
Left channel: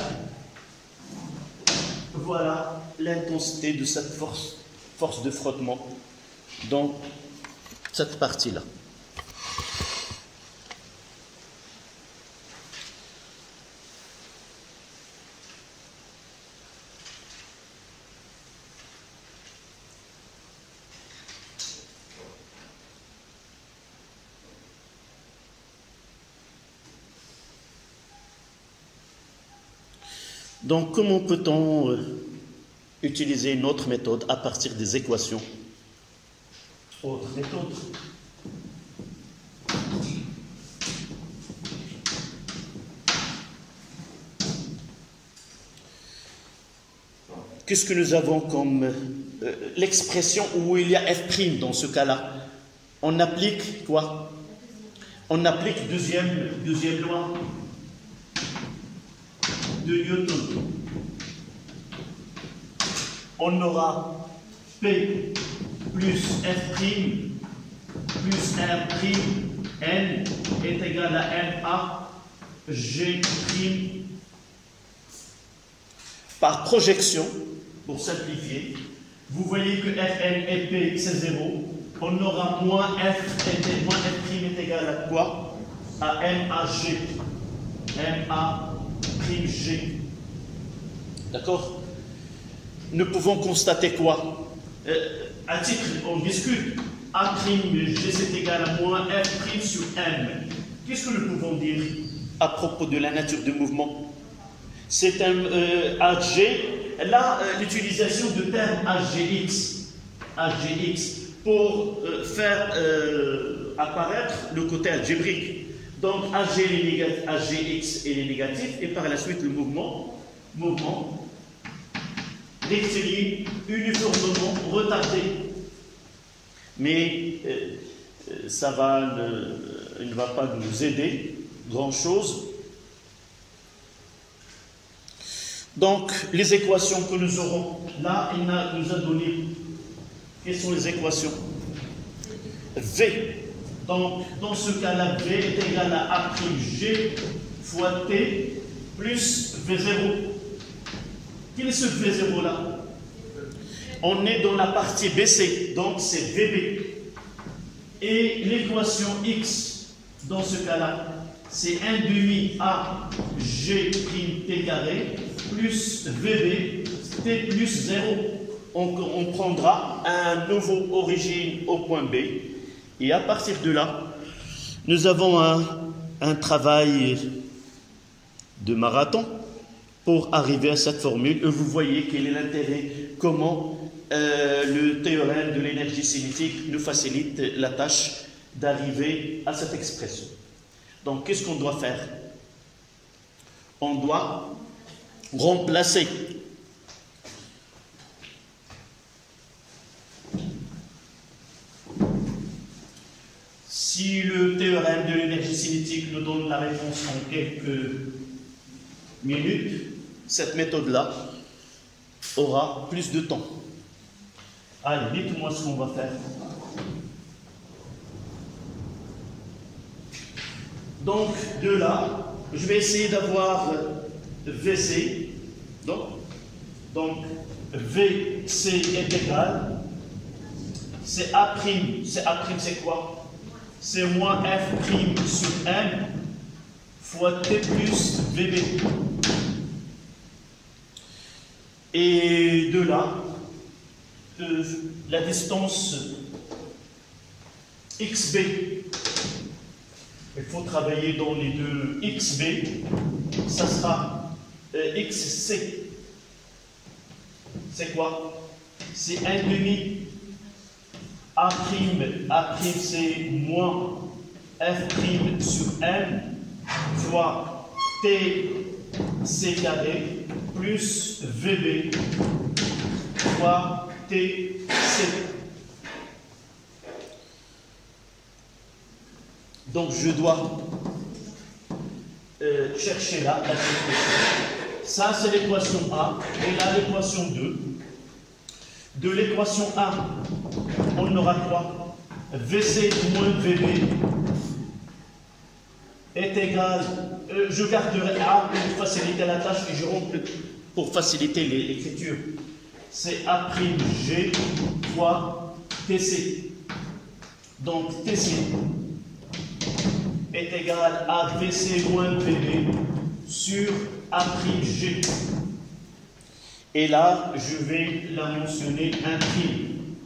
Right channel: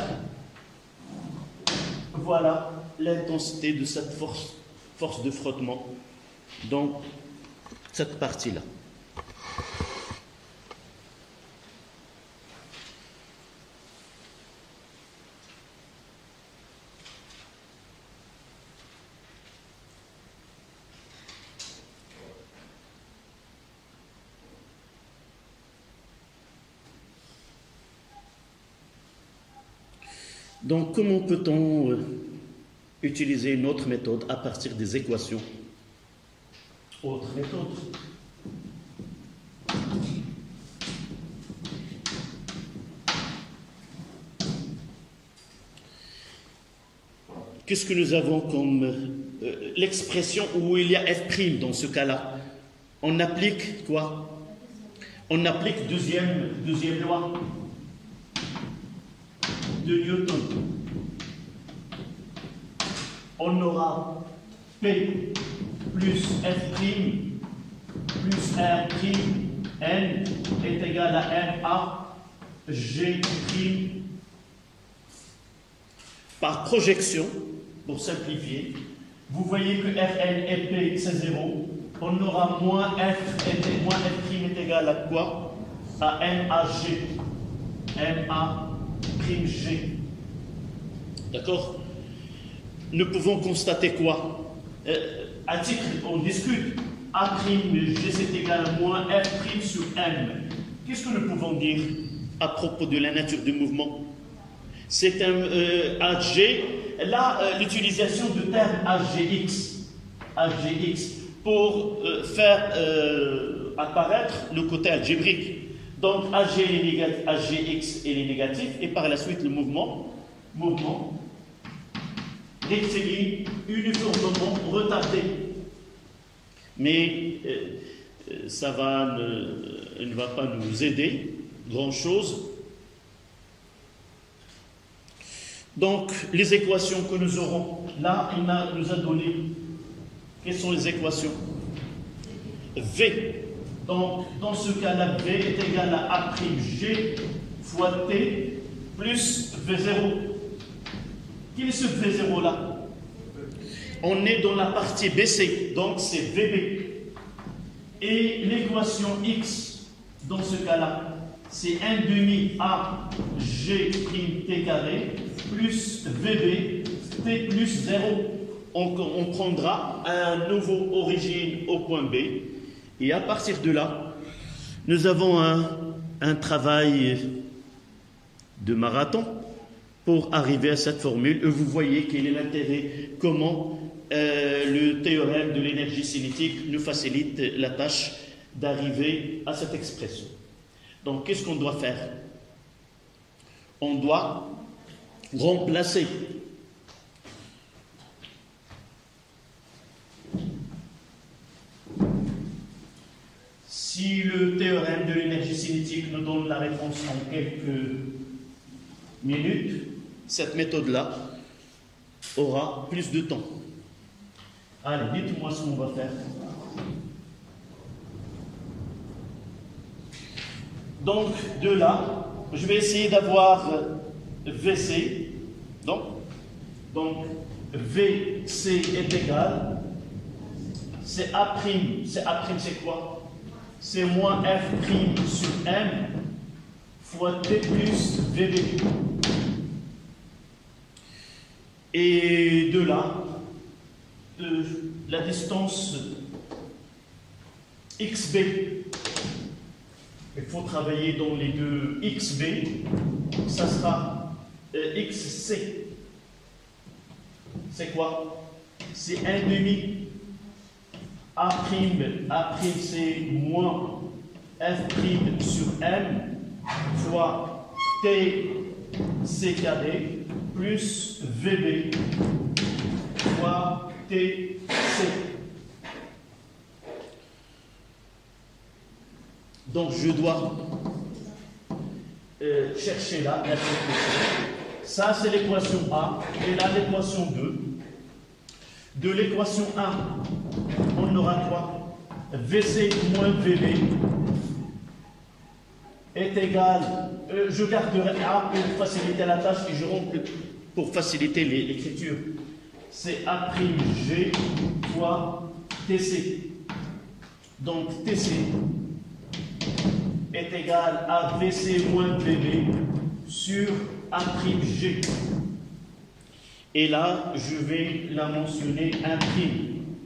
Voilà l'intensité de cette force de frottement. Donc cette partie-là. Donc, comment peut-on utiliser une autre méthode à partir des équations? Autre méthode. Qu'est-ce que nous avons comme l'expression où il y a f' dans ce cas-là? On applique quoi? On applique deuxième loi de Newton. On aura P plus F' plus R' N est égal à MA G' par projection, pour simplifier. Vous voyez que Rn et P c'est 0. On aura moins F' est égal à quoi? À MAG. G. D'accord? Nous pouvons constater quoi? À titre, on discute. A'G c'est égal à moins F' sur M. Qu'est-ce que nous pouvons dire à propos de la nature du mouvement? C'est un AG. Là, l'utilisation du terme AGX pour faire apparaître le côté algébrique. Donc AGX est négatif et par la suite le mouvement rectiligne uniformément retardé. Mais ça ne va pas nous aider grand-chose. Donc les équations que nous aurons, là il nous a donné, quelles sont les équations? V. Donc, dans ce cas-là, V est égal à A'G fois T plus V0. Quel est ce V0-là? On est dans la partie BC, donc c'est VB. Et l'équation X, dans ce cas-là, c'est 1 demi AG' T carré plus VB T plus 0. On prendra un nouveau origine au point B. Et à partir de là, nous avons un travail de marathon pour arriver à cette formule. Et vous voyez quel est l'intérêt, comment le théorème de l'énergie cinétique nous facilite la tâche d'arriver à cette expression. Donc, qu'est-ce qu'on doit faire? On doit remplacer si le théorème de l'énergie cinétique nous donne la réponse en quelques minutes, cette méthode-là aura plus de temps. Allez, dites-moi ce qu'on va faire. Donc, de là, je vais essayer d'avoir VC. Donc, Donc, VC est égal, c'est A', c'est quoi? C'est moins F' sur M fois T plus VB. Et de là, la distance XB, il faut travailler dans les deux XB, ça sera XC. C'est quoi? C'est 1,5. A', c'est moins F' sur M fois TC carré plus VB fois TC. Donc je dois chercher là la situation. Ça c'est l'équation A et là l'équation 2. De l'équation A, on aura quoi? VC moins VB est égal, je garderai A pour faciliter la tâche et je rentre pour faciliter l'écriture. C'est A'G fois TC. Donc TC est égal à VC moins VB sur A'G. Et là, je vais la mentionner imprime.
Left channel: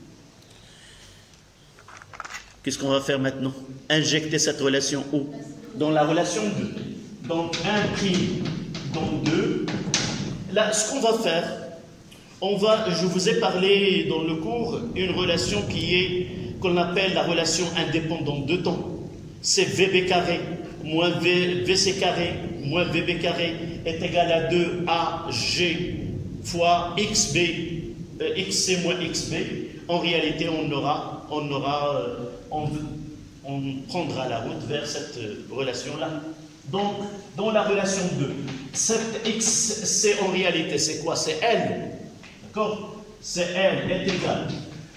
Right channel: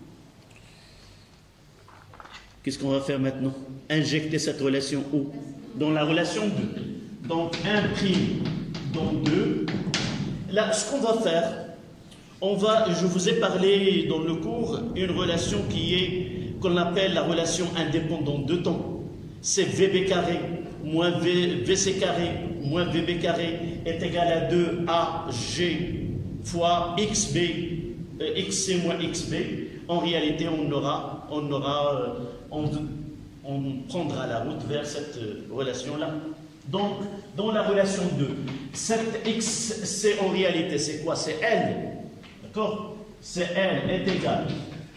Qu'est-ce qu'on va faire maintenant? Injecter cette relation où? Dans la relation 2. Donc, imprime dans 2. Là, ce qu'on va faire, je vous ai parlé dans le cours, une relation qu'on appelle la relation indépendante de temps. C'est VB carré moins VC carré moins VB carré est égal à 2AG fois XB, XC moins XB. En réalité, on prendra la route vers cette relation-là. Donc, dans la relation 2, cette XC en réalité, c'est quoi? C'est L. D'accord? C'est L est égal.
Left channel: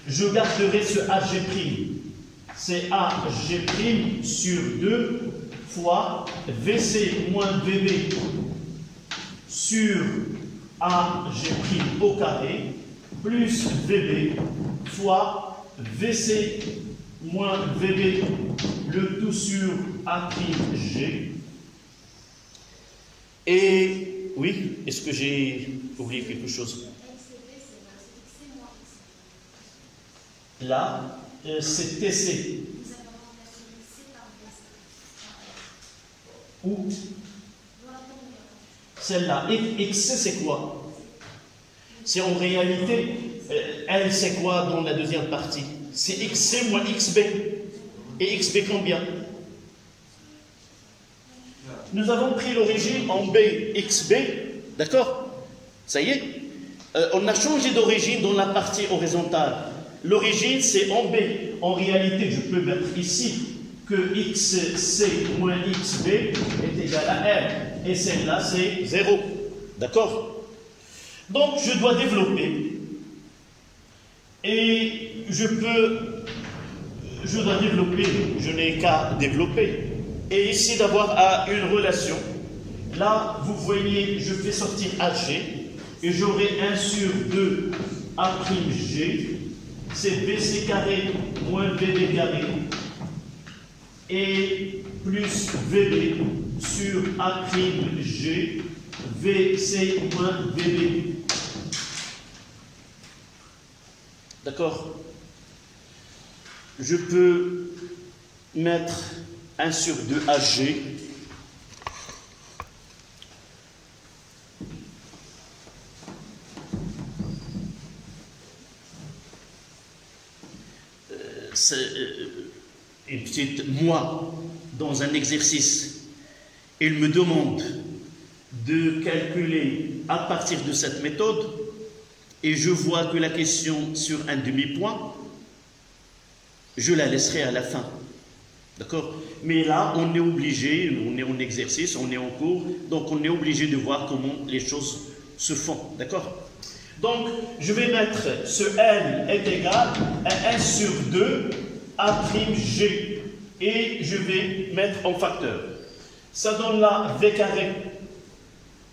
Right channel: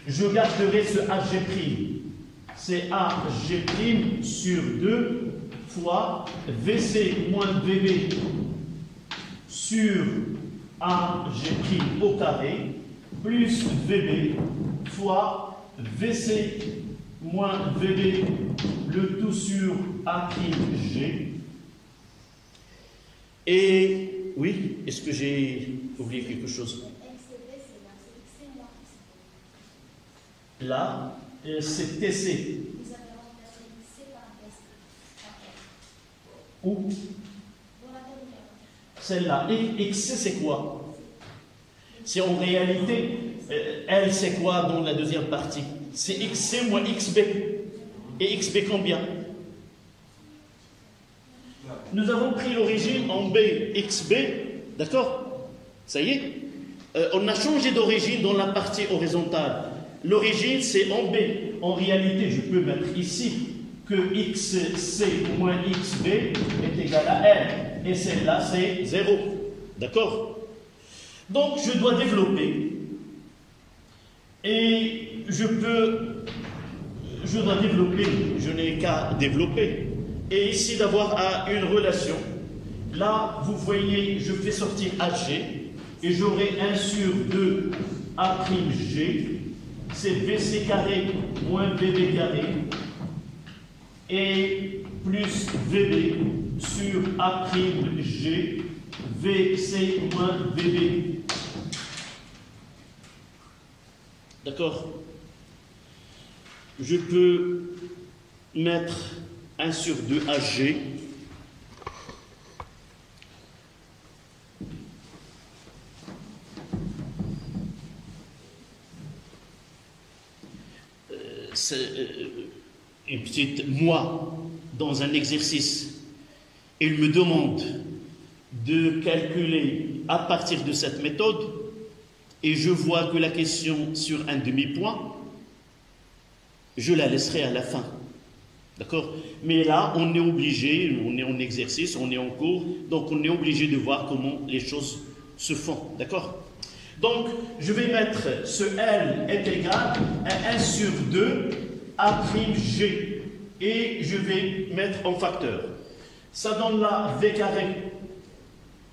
Je garderai ce AG'. C'est AG' sur 2 fois VC moins VB sur AG' au carré plus VB fois VC moins VB, le tout sur A'G. Et oui, est-ce que j'ai oublié quelque chose? Là, c'est TC. Où? Celle-là. XC, c'est quoi? C'est en réalité, L, c'est quoi dans la deuxième partie? C'est XC moins XB. Et XB combien? Nous avons pris l'origine en B, XB. D'accord? Ça y est? On a changé d'origine dans la partie horizontale. L'origine, c'est en B. En réalité, je peux mettre ici que XC moins XB est égal à L. Et celle-là, c'est 0. D'accord? Donc, je dois développer. Et je dois développer, je n'ai qu'à développer. Et ici, d'avoir une relation. Là, vous voyez, je fais sortir AG. Et j'aurai 1 sur 2 A'G. C'est BC carré moins BB carré. Et plus VB sur A'G, VC moins VB. D'accord? Je peux mettre 1 sur 2 AG. Une petite moi dans un exercice, il me demande de calculer à partir de cette méthode et je vois que la question sur un demi-point, je la laisserai à la fin. D'accord? Mais là, on est obligé, on est en exercice, on est en cours, donc on est obligé de voir comment les choses se font. D'accord? Donc, je vais mettre ce L est égal à 1 sur 2 A'G et je vais mettre en facteur. Ça donne là V carré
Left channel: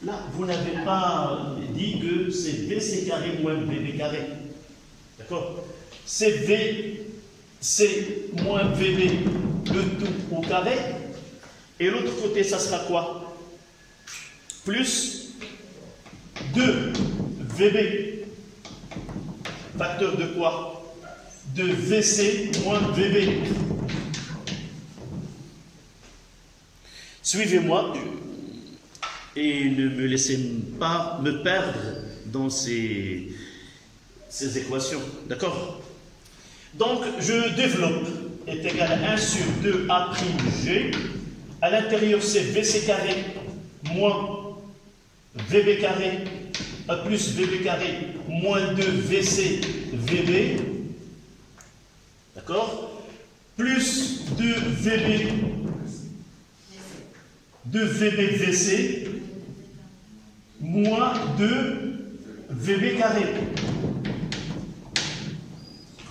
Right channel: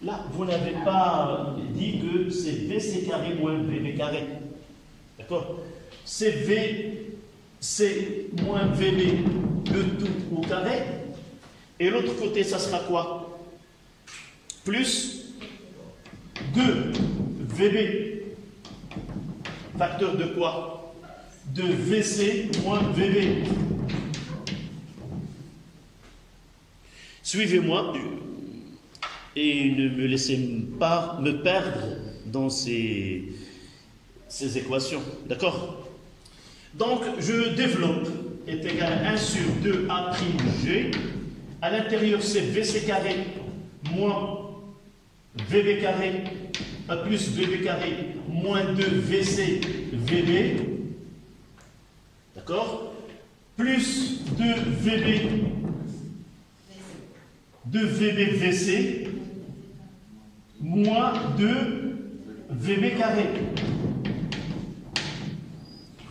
Là, vous n'avez pas dit que c'est VC carré moins VB carré. D'accord? C'est VC moins VB, le tout au carré. Et l'autre côté, ça sera quoi? Plus 2 VB. Facteur de quoi? De VC moins VB. Suivez-moi et ne me laissez pas me perdre dans ces équations. D'accord? Donc, je développe est égal à 1 sur 2A'G. À l'intérieur, c'est VC carré moins VB carré plus VB carré moins 2 VC VB. D'accord? Plus 2 VB 2 VB VC moins 2 VB carré.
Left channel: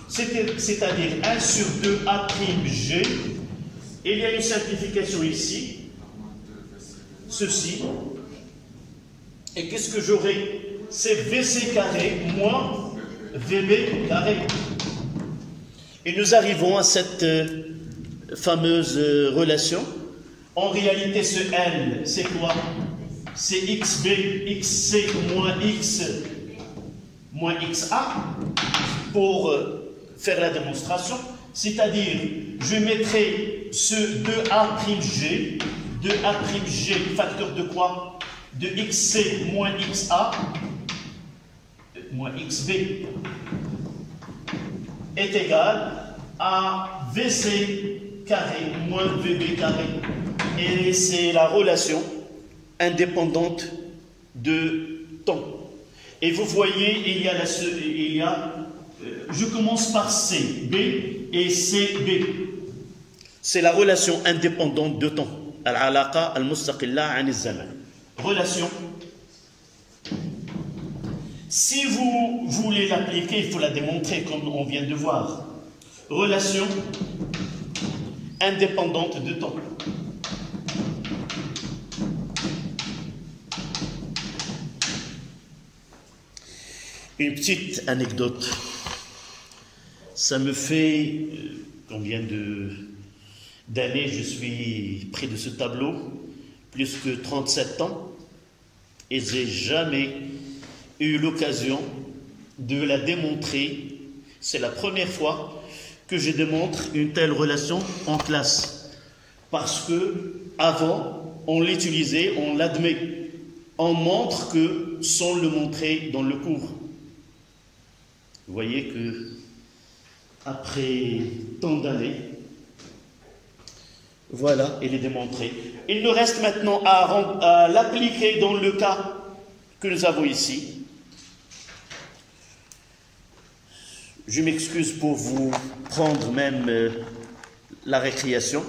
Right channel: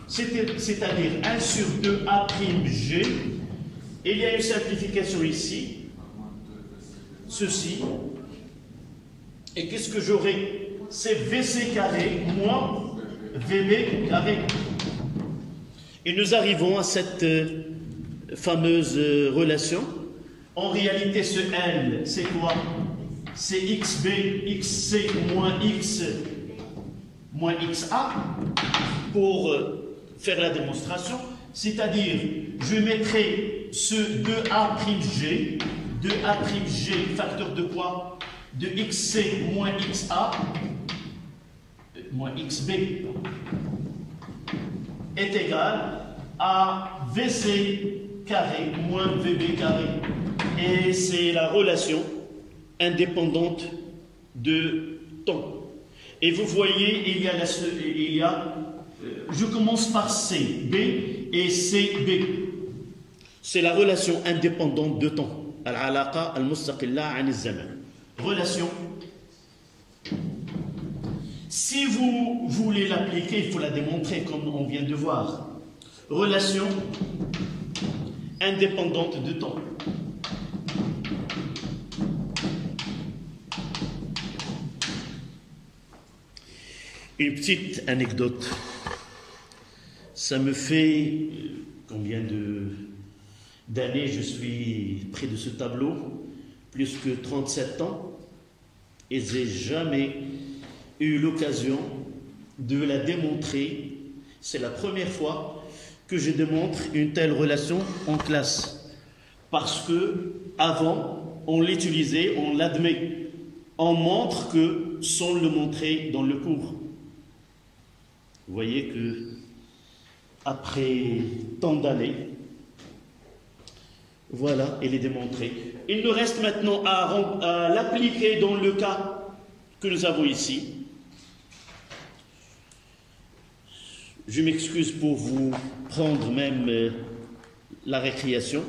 C'est-à-dire 1 sur 2 A'G. Et il y a une simplification ici. Ceci. Et qu'est-ce que j'aurai? C'est VC carré moins VB carré. Et nous arrivons à cette fameuse relation. En réalité, ce L, c'est quoi? C'est XB, XC moins X moins XA pour faire la démonstration. C'est-à-dire, je mettrai ce 2A'G, 2A'G, facteur de quoi? De XC moins XA moins XB est égal à VC carré moins VB carré. Et c'est la relation indépendante de temps. Et vous voyez, je commence par CB et CB. C'est la relation indépendante de temps. Al-alaqa al-mustaqilla an al-zaman. Relation. Si vous voulez l'appliquer, il faut la démontrer comme on vient de voir. Relation indépendante de temps. Une petite anecdote. Ça me fait combien d'années je suis près de ce tableau? Plus que 37 ans. Et je n'ai jamais eu l'occasion de la démontrer. C'est la première fois que je démontre une telle relation en classe. Parce que avant, on l'utilisait, on l'admet. On montre que sans le montrer dans le cours. Vous voyez que après tant d'années, voilà, il est démontré. Il nous reste maintenant à l'appliquer dans le cas que nous avons ici. Je m'excuse pour vous prendre même la récréation,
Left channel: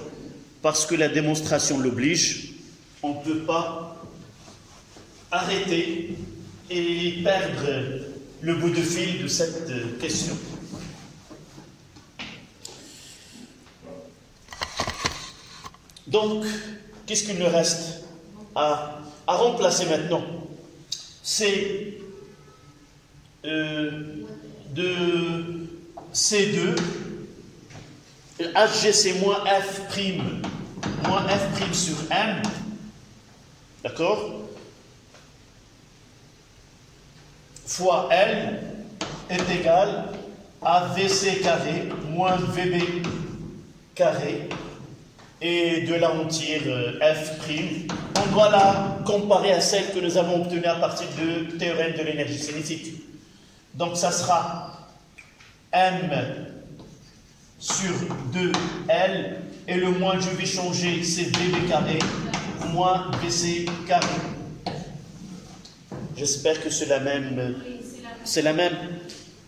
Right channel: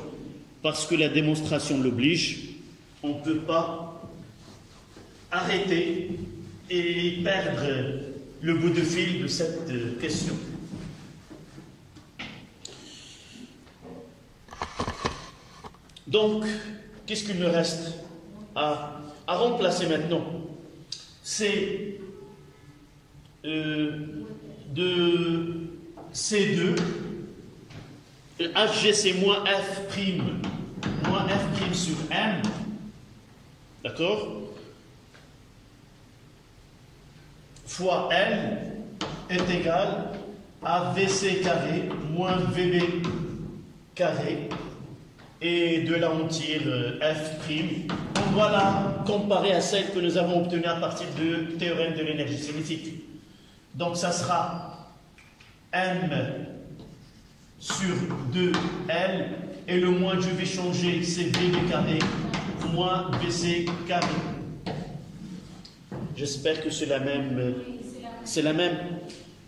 parce que la démonstration l'oblige. On ne peut pas arrêter et perdre le bout de fil de cette question. Donc, qu'est-ce qu'il nous reste à remplacer maintenant? C'est de C2, HGC moins F' sur M, d'accord, fois L est égal à VC carré moins VB carré, et de là on tire F'. On doit la comparer à celle que nous avons obtenue à partir du théorème de l'énergie cinétique. Donc ça sera M sur 2L, et le moins que je vais changer, c'est VB carré moins VC carré. J'espère que c'est la même. C'est la même.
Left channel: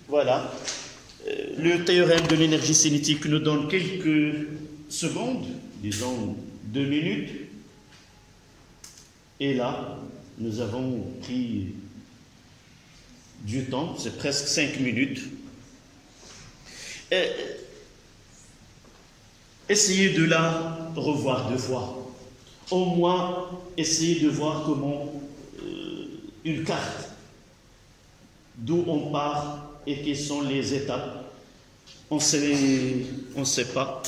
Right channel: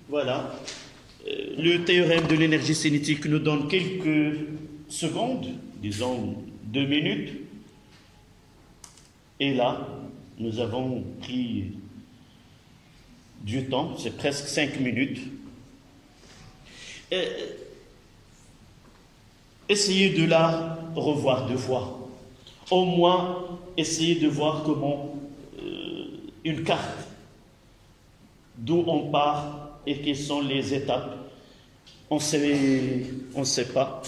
Voilà. Le théorème de l'énergie cinétique nous donne quelques secondes, disons 2 minutes. Et là, nous avons pris du temps, c'est presque 5 minutes. Essayez de la revoir 2 fois. Au moins, essayez de voir comment une carte d'où on part et quels sont les étapes. On ne sait pas.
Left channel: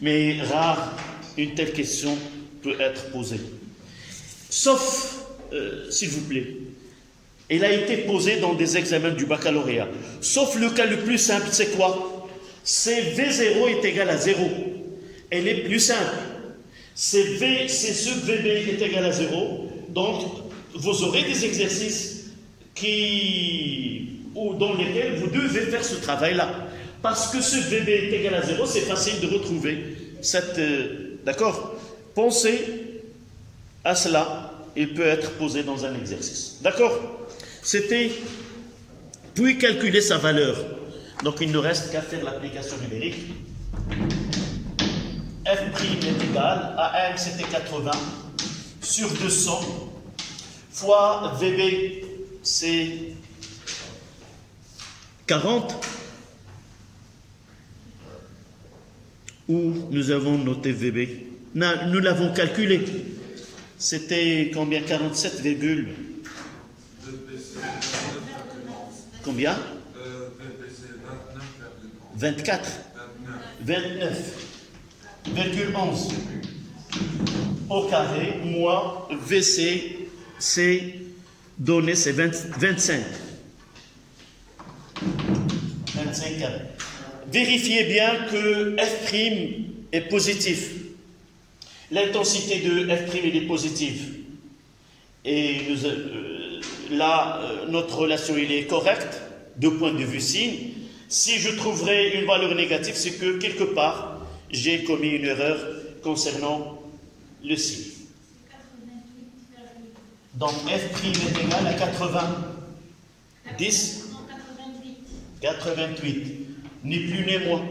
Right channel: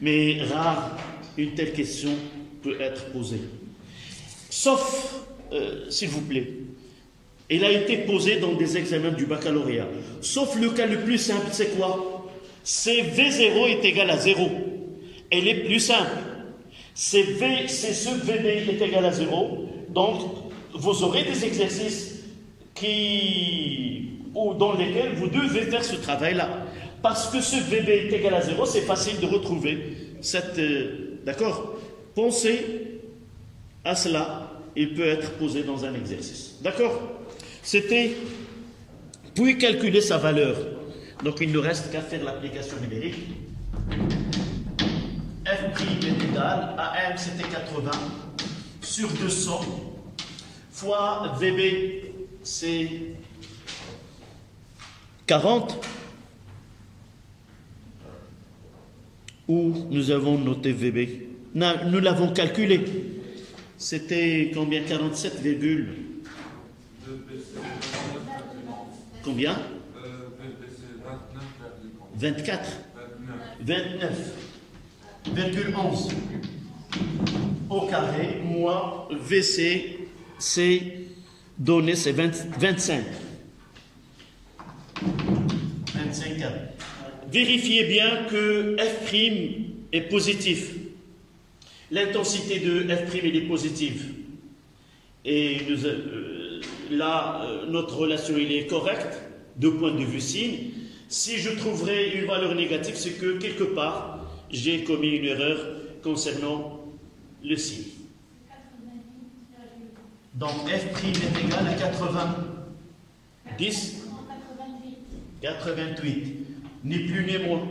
Mais rare, une telle question peut être posée. Sauf, s'il vous plaît, elle a été posée dans des examens du baccalauréat. Sauf le cas le plus simple, c'est quoi? C'est V0 est égal à 0. Elle est plus simple. C'est ce VB est égal à 0. Donc, vous aurez des exercices dans lesquels vous devez faire ce travail-là. Parce que ce VB est égal à 0, c'est facile de retrouver cette... D'accord? Pensez à cela, il peut être posé dans un exercice. D'accord? C'était, puis calculer sa valeur. Donc il ne reste qu'à faire l'application numérique. F' est égal à M, c'était 80, sur 200, fois VB, c'est 40, où nous avons noté VB. Non, nous l'avons calculé. C'était combien? 47, combien? 24. 29,11 au carré, moins VC, c'est donné, c'est 25. 25 carré. Vérifiez bien que F' est positif. L'intensité de F' est positive. Et là, notre relation est correcte, de point de vue signe. Si je trouverais une valeur négative, c'est que quelque part, j'ai commis une erreur concernant le signe. Donc F' est égal à 80. 10 88. Ni plus ni moins.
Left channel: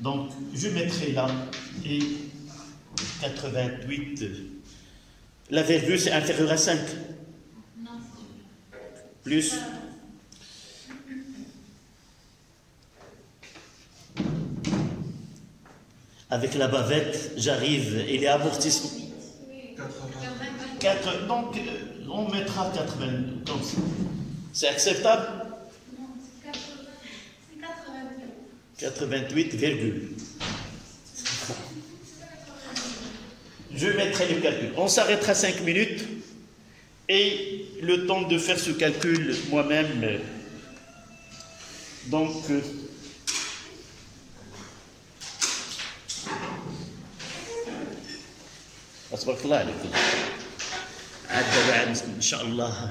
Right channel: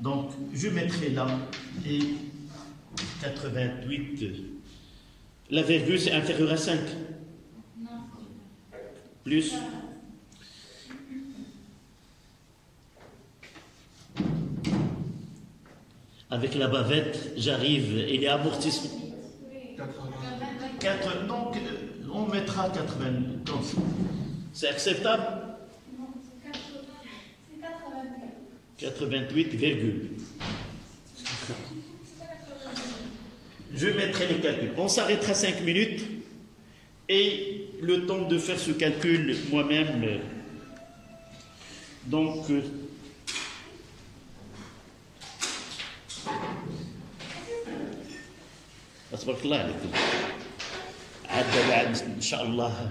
Donc, je mettrai là et 88. La virgule, c'est inférieur à 5. Plus. Avec la bavette, j'arrive, il est amortissement. 4, donc, on mettra 80. Donc, c'est acceptable? Non, c'est 88, virgule. Je mettrai le calcul. On s'arrêtera 5 minutes et le temps de faire ce calcul moi-même. Donc, أصبرك الله عليكم عدى بعد إن شاء الله.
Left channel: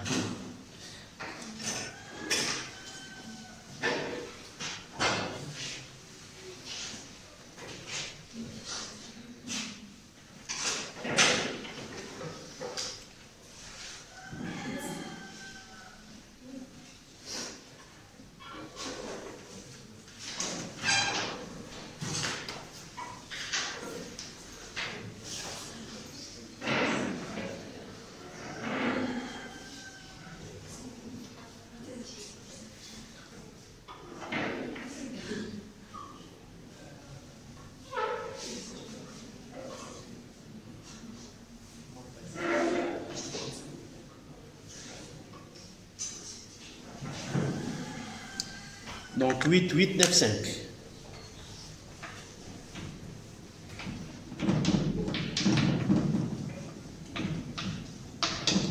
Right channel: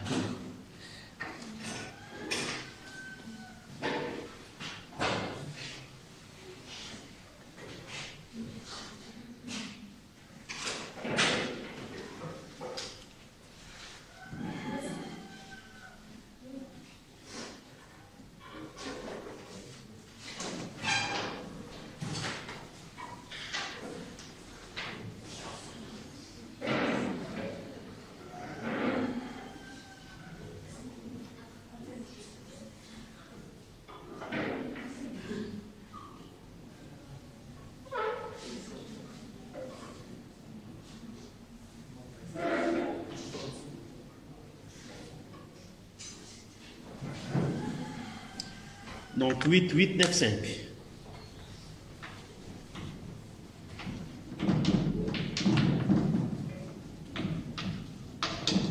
Donc 8, 8, 9, 5.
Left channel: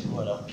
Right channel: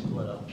Voilà.